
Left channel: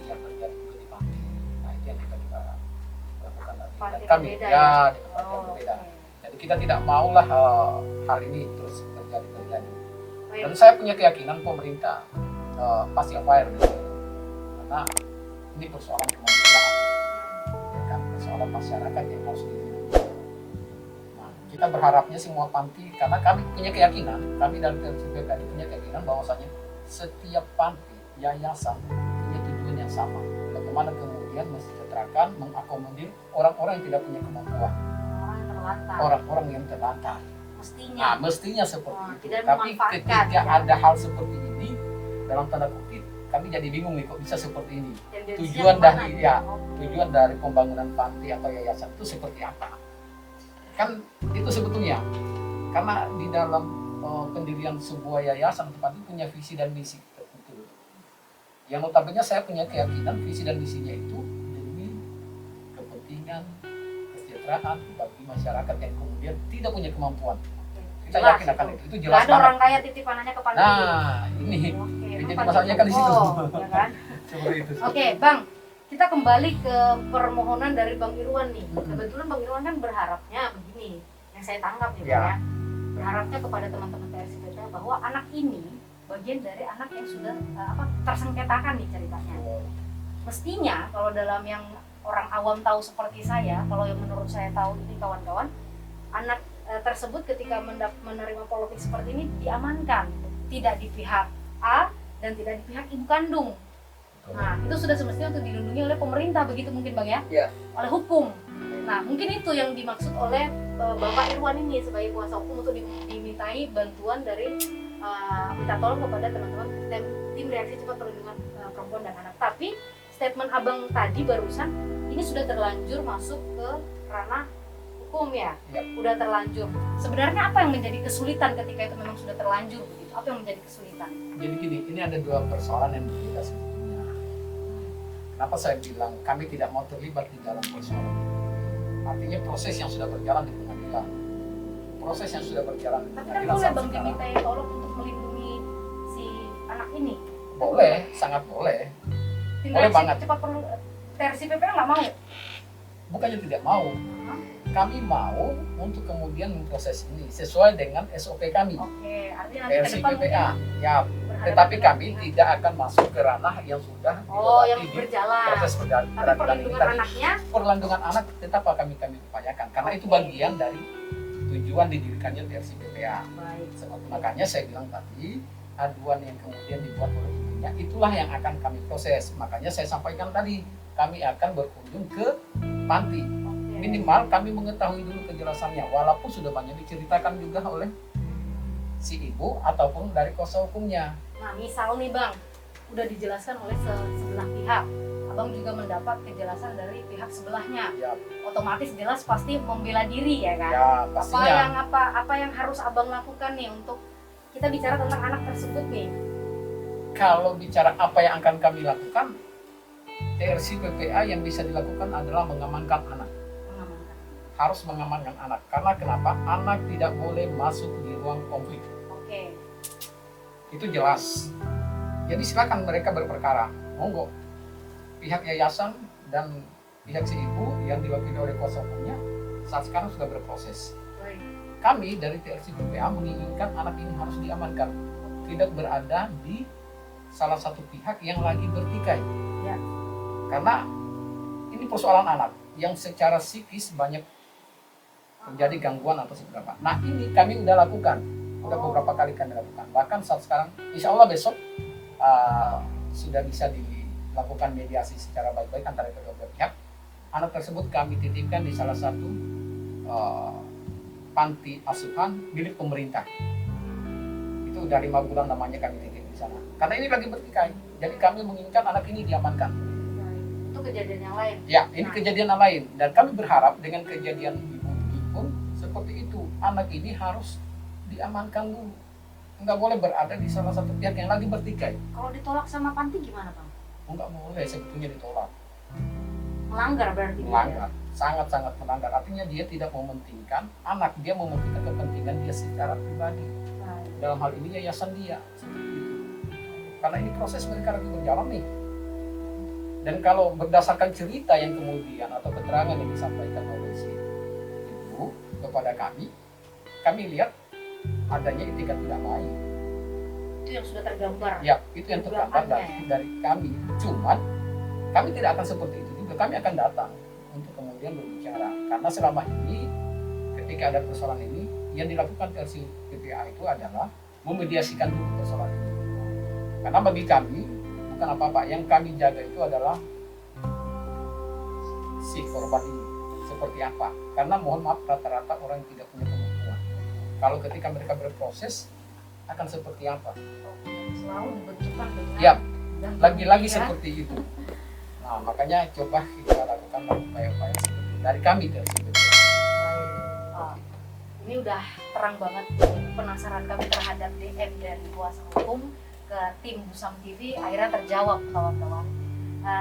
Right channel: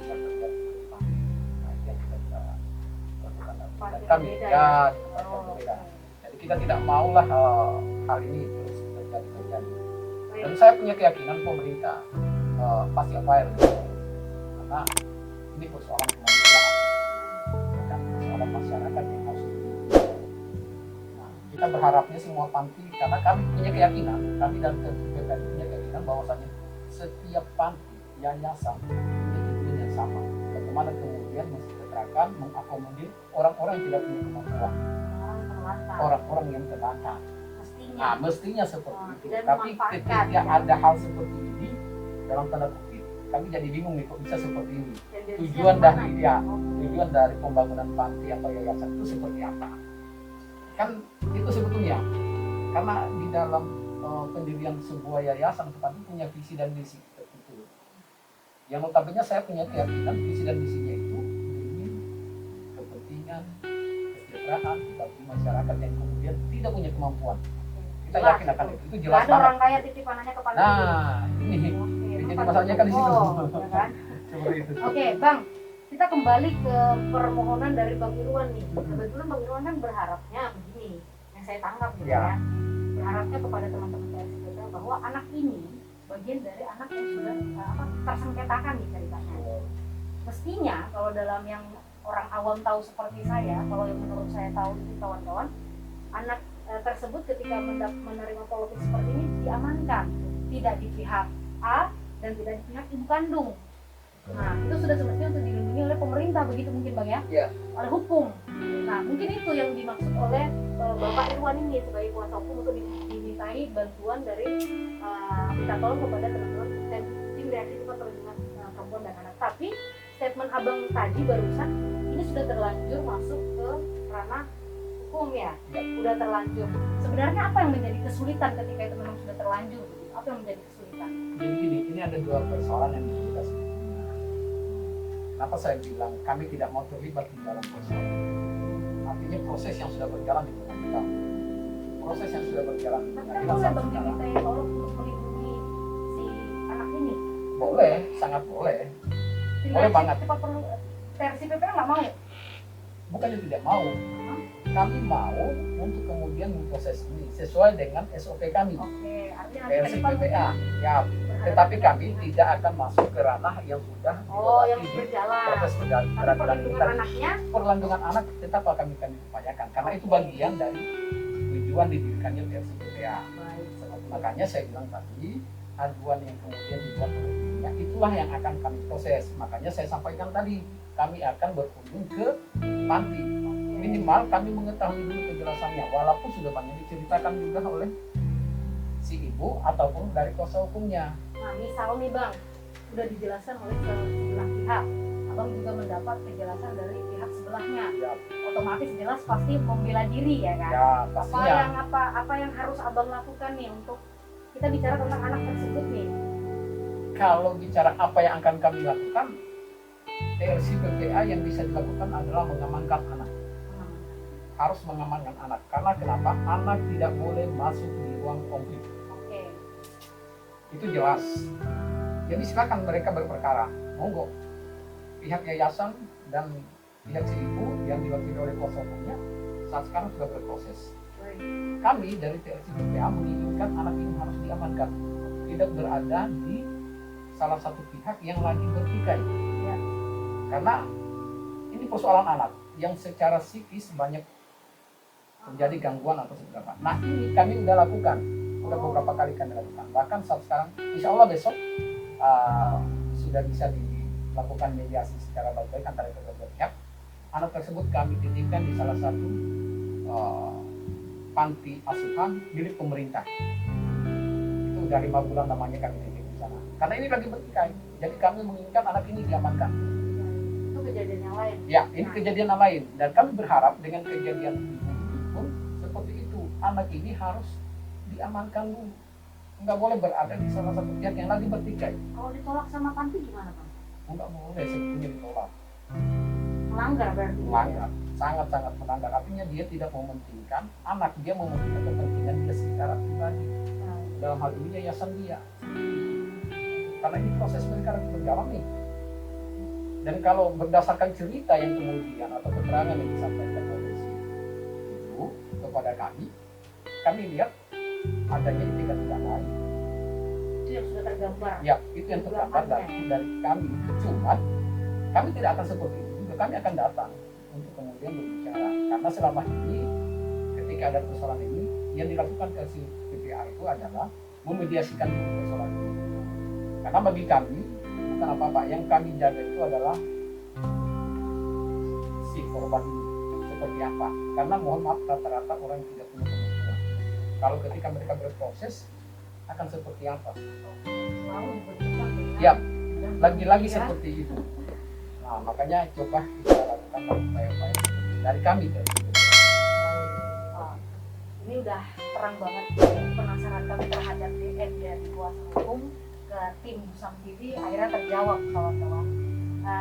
yang terjadi di panti. Nah itu yang kita juga lakukan nanti. Dan Panti kami berbeda ya ya? dengan panti yang Oh, berbeda. oke. Jadi kita tidak maulah hal ini terus terjadi. Dan saya punya keyakinan pemerintah pasti aware gitu. Karena ini persoalan kemanusiaan, kan persoalan masyarakat yang harus dihidupi. Nah, kita berharapnya semua panti, karena kami punya keyakinan, kami dari TRSPPA punya keyakinan bahwasanya setiap panti, yayasan punya tujuan yang sama. Bagaimana kemudian mensejahterakan, mengakomodir orang-orang yang tidak punya kemampuan, Orang terlantar. orang-orang yang terlantar. Mestinya. Nah, mestinya seperti Oh, itu. tidak Tapi memanfaatkan, ketika ya. ada hal seperti ini, dalam tanda kutip, kami jadi bingung nih kok bisa seperti ini. Tendensinya Tujuan kemana? dari ya, Oke. tujuan dari pembangunan panti atau yayasan itu seperti apa? Kan itu sebetulnya karena di dalam pendirian sebuah yayasan atau panti punya visi dan misi tertentu. Yang notabene saya punya keyakinan visi dan misinya itu demi kepentingan kesejahteraan bagi masyarakat yang kemudian tidak punya kemampuan. Kita Jelas yakin akan itu. itu Nggak jelas ada banget. orang kaya titip anaknya ke panti. Nah, ini Oke, jadi emang masalahnya kan di situ. Oh, ya kan? seperti itu. Oke, Bang. Kita kembali ke permohonan dari Bang Irwan nih. Mm-mm. Kebetulan Bang Irwan kan berharapnya begini, yang saya tangkap nih, Ya. Bang, ya. Berharapnya kepada teman-teman TRSPPA bahwa anak ini bagian dari anak yang sudah tersengketakan nih ceritanya. Mestinya kalau dalam yang orang awam tahu seperti saya, kalau yang menurut saya tahu ini kawan-kawan, anak tersebut ketika menerima politik seperti ini diamankan, tidak di pihak A dan tidak di pihak ibu kandung. Nah, itu sudah semestinya untuk dilindungi oleh pemerintah, begitu mungkin Bang ya? Iya. Oleh hukum. Nah, mungkin itu yang dimaksud oleh Bapak Irwan ini sebagai kuasa hukum untuk dimintai bantuan dari minta tolong kepada teman-teman tim reaksi cepat perlindungan perempuan dan anak. Tapi statement Abang tadi barusan ini sudah terlanjur masuk ke ranah hukum ya? Ya. Udah terlanjur. Sebenarnya apa yang menjadi kesulitan ketika itu memang sudah terlanjur begitu? Apa yang menjadi kesulitan? Jadi gini, ini ada dua persoalan yang berbeda sebetulnya. Kenapa saya bilang kami tidak mau terlibat di dalam persoalan? Artinya proses yang sudah berjalan di pengadilan, proses yang sudah berjalan di Tapi kan pengadilan boleh sampai Bang sekarang. dimintai tolong untuk melindungi si anak ini. Boleh, sangat boleh. Tim Boleh reaksi banget. cepat perlu versi PPA nggak mau. Bukannya tidak mau, kami mau untuk kemudian memproses ini sesuai dengan SOP kami, Oke, artinya nanti ke versi depan PPA. Ya, berhadapan tetapi dengan kami pihak- tidak akan masuk ke ranah yang sudah Oh, yang dilewati di berjalan. proses Tapi peradilan ini perlindungan tadi. anaknya Perlindungan anak tetap akan kami upayakan karena itu Oke. bagian dari tujuan didirikannya versi PPA. baik. Makanya saya bilang tadi aduan yang kemudian dibuat oleh ibunya itulah yang akan kami proses. Makanya saya sampaikan tadi kami akan berkunjung ke panti. Oke. Minimal kami mengetahui dulu kejelasannya walaupun sudah banyak diceritakan juga oleh si ibu ataupun dari kuasa hukumnya. Nah, misal nih Bang, udah dijelaskan oleh sebelah pihak. Abang juga mendapat kejelasan dari pihak sebelahnya. Ya, Otomatis jelas pasti membela diri ya kan? ya Apa pastinya. yang apa yang harus Abang lakukan nih untuk kita bicara tentang anak tersebut nih? Kalau bicara apa yang akan kami lakukan, TRC PPA yang bisa dilakukan adalah mengamankan anak. Harus mengamankan anak. Karena kenapa? Anak tidak boleh masuk di ruang konflik. Oke. Itu jelas. Jadi silakan mereka berperkara. Monggo. Pihak yayasan dan pihak si ibu yang diwakili oleh kuasa hukumnya saat sekarang sudah berproses. Baik. Kami dari TRC PPA menginginkan anak ini harus diamankan. Tidak berada di salah satu pihak yang lagi bertikai. Ya. Karena ini persoalan anak yang secara psikis banyak terjadi gangguan atau seberapa. Nah ini kami udah lakukan, udah beberapa kali kami lakukan. Bahkan saat sekarang, insya Allah besok sudah bisa dilakukan mediasi secara baik-baik antara kedua belah pihak. Anak tersebut kami titipkan di salah satu panti asuhan milik pemerintah. Itu udah 5 bulan namanya kami titip di sana. Karena ini lagi bertikai, jadi kami menginginkan anak ini diamankan. Itu kejadian yang lain. Ya, ini kejadian yang lain. Dan kami berharap dengan kejadian ini pun seperti itu. Anak ini harus diamankan dulu. Nggak boleh berada di salah satu pihak yang lagi bertikai. Kalau ditolak sama panti gimana, Bang? Nggak boleh sebetulnya ditolak. Melanggar berarti. Melanggar. Sangat-sangat melanggar. Artinya dia tidak mementingkan anak. Dia mementingkan kepentingan dia secara pribadi. Dalam hal ini yayasan dia. Karena ini proses mereka lagi berjalan nih. Dan kalau berdasarkan cerita yang kemudian atau keterangan yang disampaikan oleh si ibu kepada kami lihat adanya etikat tidak baik. Itu yang sudah tergambar. Ya, itu yang tergambar dari kami. Cuman kami tidak akan seperti itu juga. Kami akan datang untuk kemudian berbicara. Karena selama ini ketika ada persoalan ini yang dilakukan TRC PPA itu adalah memediasikan dulu persoalan ini. Karena bagi kami bukan apa-apa, yang kami jaga itu adalah si korban ini seperti apa. Karena mohon maaf rata-rata orang tidak punya pengetahuan. Kalau ketika mereka berproses akan seperti apa? Selalu dibentukkan dengan Ya, dan lagi-lagi ya. seperti itu. Nah, makanya coba kita lakukan upaya-upaya dari kami dari Ah, ini udah terang banget penasaran kami terhadap DM dari kuasa hukum ke tim Busam TV, akhirnya terjawab kawan-kawan.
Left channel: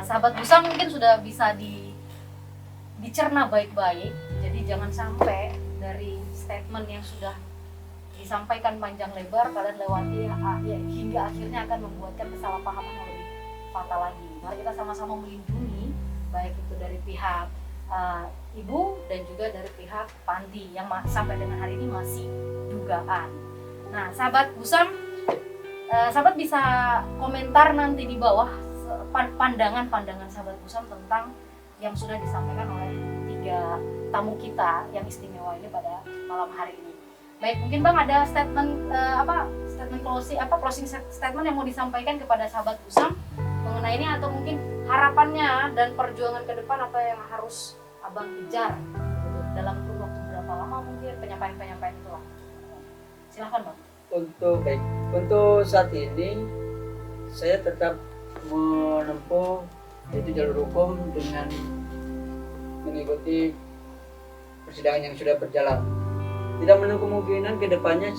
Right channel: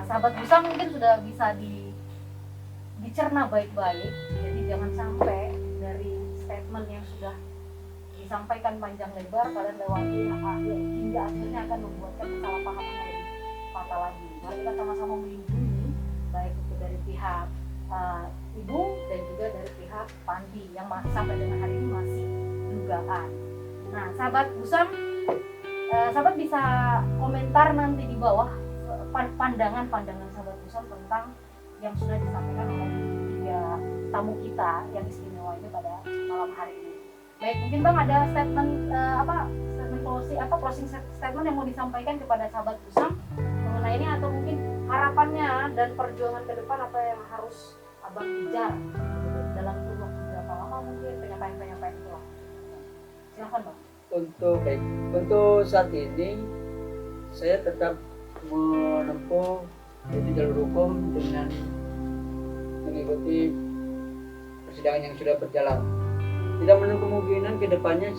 Sahabat Busam mungkin sudah bisa dicerna baik-baik, jadi jangan sampai dari statement yang sudah disampaikan panjang lebar kalian lewati hingga akhirnya akan membuatkan kesalahpahaman yang lebih fatal lagi. Mari kita sama-sama melindungi baik itu dari pihak ibu dan juga dari pihak panti yang sampai dengan hari ini masih dugaan. Nah, sahabat Busam, sahabat bisa komentar nanti di bawah pandangan-pandangan sahabat Busam tentang yang sudah disampaikan oleh 3 tamu kita yang istimewa ini pada malam hari ini. Baik, mungkin Bang ada statement closing statement yang mau disampaikan kepada sahabat Busam mengenai ini, atau mungkin harapannya dan perjuangan ke depan apa yang harus Abang kejar dalam kurun waktu berapa lama mungkin penyampaian itu lah. Silahkan Bang. Untuk saat ini saya tetap menempuh itu jalur hukum dengan mengikuti persidangan yang sudah berjalan. Tidak menutup kemungkinan ke depannya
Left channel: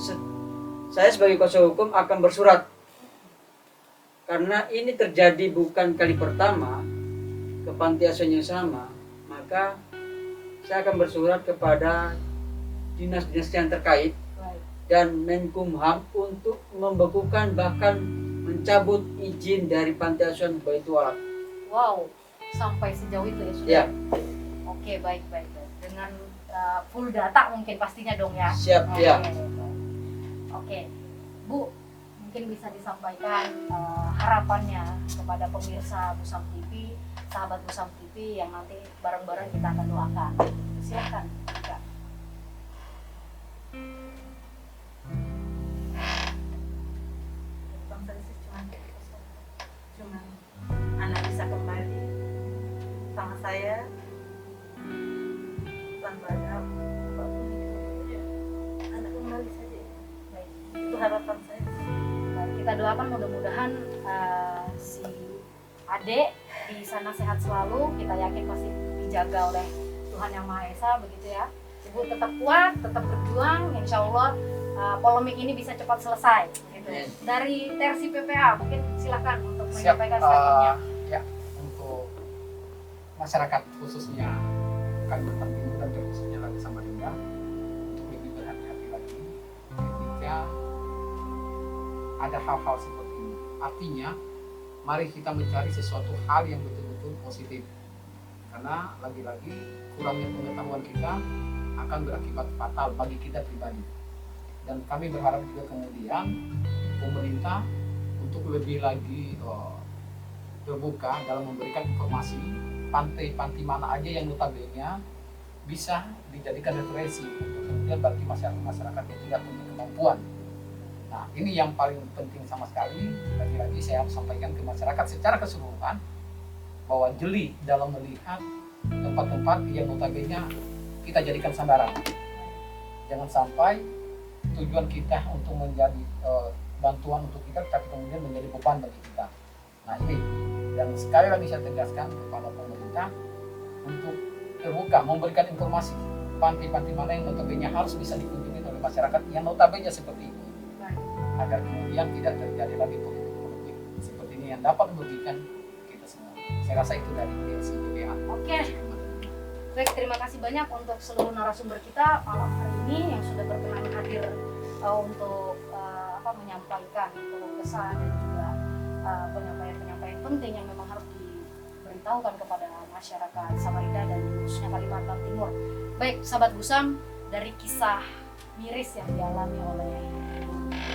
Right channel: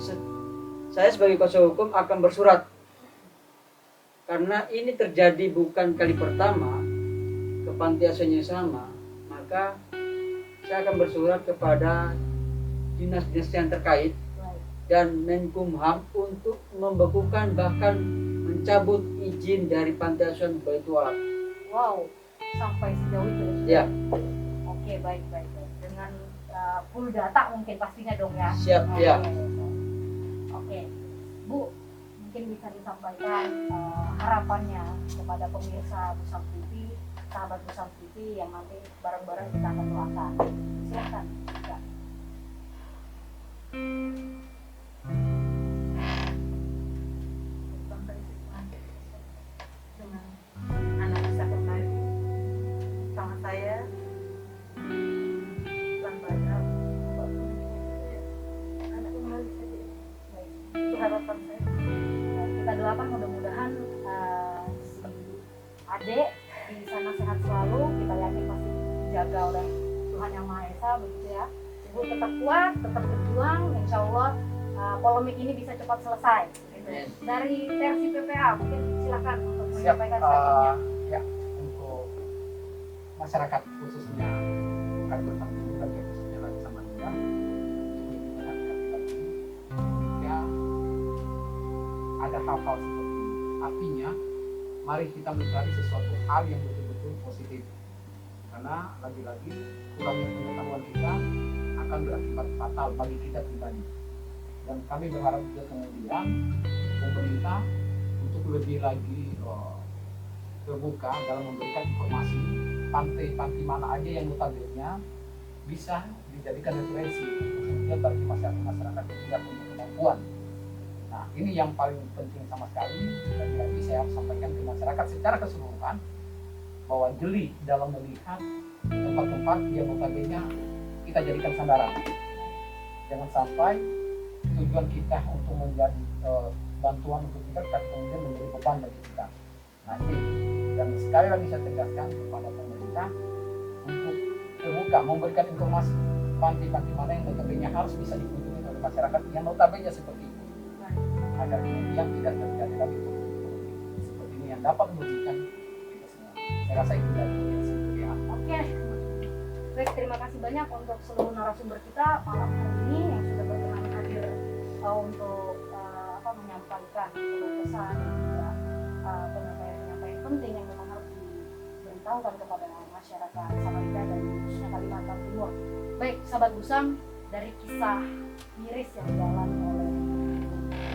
saya sebagai kuasa hukum akan bersurat. Karena ini terjadi bukan kali pertama ke panti asuhan yang sama, maka saya akan bersurat kepada dinas-dinas yang terkait dan Menkumham untuk membekukan bahkan mencabut izin dari panti asuhan Baitul Walad. Wow, sampai sejauh itu ya sudah. Ya. Oke, baik. Dengan full data mungkin pastinya dong ya. Siap, Oke, ya. Oke, Bu, mungkin bisa disampaikan harapannya kepada pemirsa Busam TV, sahabat Busam TV yang nanti bareng-bareng kita akan doakan. Silakan. Ya. Bang Francis cuma anak bisa kembali sama saya tanpa ada apapun. Anak kembali saja. Baik. Itu harapan saya. Kita doakan mudah-mudahan si Ade di sana sehat selalu. Kita yakin pasti dijaga oleh Tuhan Yang Maha Esa, begitu ya. Ibu tetap kuat, tetap berjuang. Insya Allah polemik ini bisa cepat selesai. Gitu. Dari TRC PPA mungkin silakan untuk Siap. menyampaikan statementnya. Ya, untuk masyarakat khususnya Kalimantan Timur dan terkhususnya lagi Samarinda untuk lebih berhati-hati lagi ketika ada hal-hal seperti ini. Artinya, mari kita mencari sesuatu hal yang betul-betul positif. Karena lagi-lagi kurangnya pengetahuan kita akan berakibat fatal bagi kita pribadi. Dan kami berharap juga kemudian pemerintah untuk lebih lagi terbuka dalam memberikan informasi pantai-pantai mana aja yang notabene bisa dijadikan referensi kemudian bagi masyarakat yang tidak punya kemampuan. Nah, ini yang paling penting sama sekali. Lagi-lagi saya harus sampaikan ke masyarakat secara keseluruhan bahwa jeli dalam melihat tempat-tempat yang notabene kita jadikan sandaran. Jangan sampai tujuan kita untuk menjadi bantuan untuk kita, tapi kemudian menjadi beban bagi kita. Nah, ini yang sekali lagi saya tegaskan kepada pemerintah untuk terbuka memberikan informasi pantai-pantai mana yang notabene harus bisa dikunjungi oleh masyarakat yang notabene seperti itu, agar kemudian tidak terjadi lagi politik seperti ini yang dapat merugikan kita semua. Saya rasa itu dari SIPPA. Oke, baik, terima kasih banyak untuk seluruh narasumber kita malam hari ini yang sudah berkenan hadir untuk menyampaikan kesan dan juga penyampaian penting yang memang harus diberitahukan kepada masyarakat Samarinda dan khususnya Kalimantan Timur. Baik, sahabat Gusam, dari kisah miris yang dialami oleh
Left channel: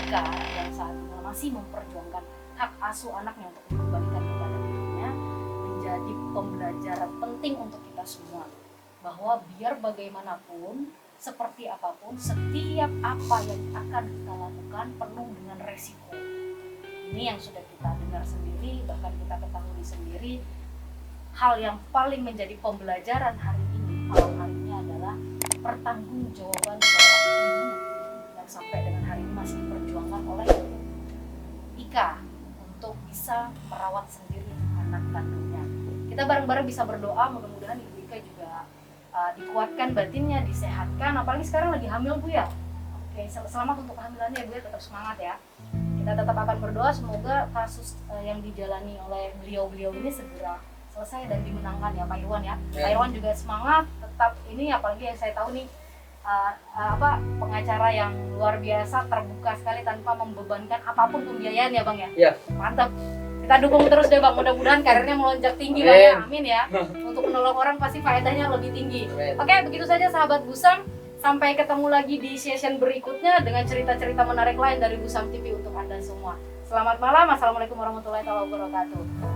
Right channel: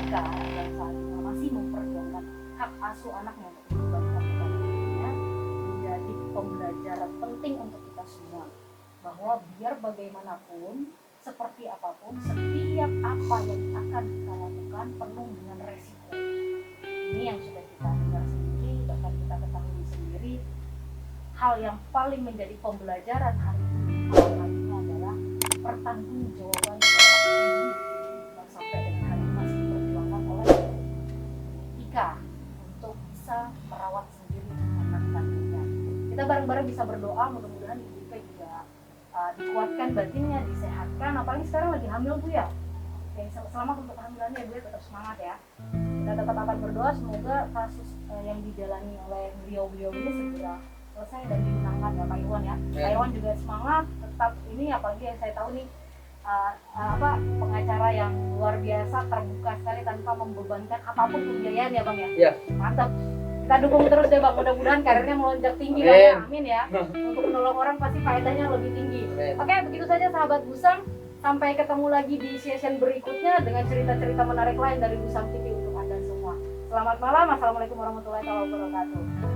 Ika yang saat ini masih memperjuangkan hak asuh anaknya untuk dikembalikan kepada ibunya, menjadi pembelajaran penting untuk kita semua, bahwa biar bagaimanapun, seperti apapun, setiap apa yang akan kita lakukan penuh dengan resiko. Ini yang sudah kita dengar sendiri, bahkan kita ketahui sendiri. Hal yang paling menjadi pembelajaran hari ini malam hari ini adalah pertanggungjawaban seorang ibu yang sampai dengan hari ini masih diperjuangkan oleh Ika untuk bisa merawat sendiri anak kandungnya. Kita bareng-bareng bisa berdoa, mudah-mudahan Ibu Ika juga dikuatkan batinnya, disehatkan, apalagi sekarang lagi hamil Bu ya. Oke, selamat untuk kehamilannya Bu ya, tetap semangat ya. Kita tetap akan berdoa semoga kasus yang dijalani oleh beliau-beliau ini segera selesai dan dimenangkan ya Pak Irwan ya. Pak Irwan juga semangat, tetap ini, apalagi yang saya tahu nih pengacara yang luar biasa, terbuka sekali tanpa membebankan apapun pembiayaan ya Bang ya. Iya. Mantap. Kita dukung terus deh Bang, mudah-mudahan karirnya melonjak tinggi Bang ya. Amin ya. Untuk menolong orang pasti faedahnya lebih tinggi. Oke, begitu saja sahabat Gusam. Sampai ketemu lagi di session berikutnya dengan cerita-cerita menarik lain dari Gusam TV untuk Anda semua. Selamat malam. Assalamualaikum warahmatullahi wabarakatuh.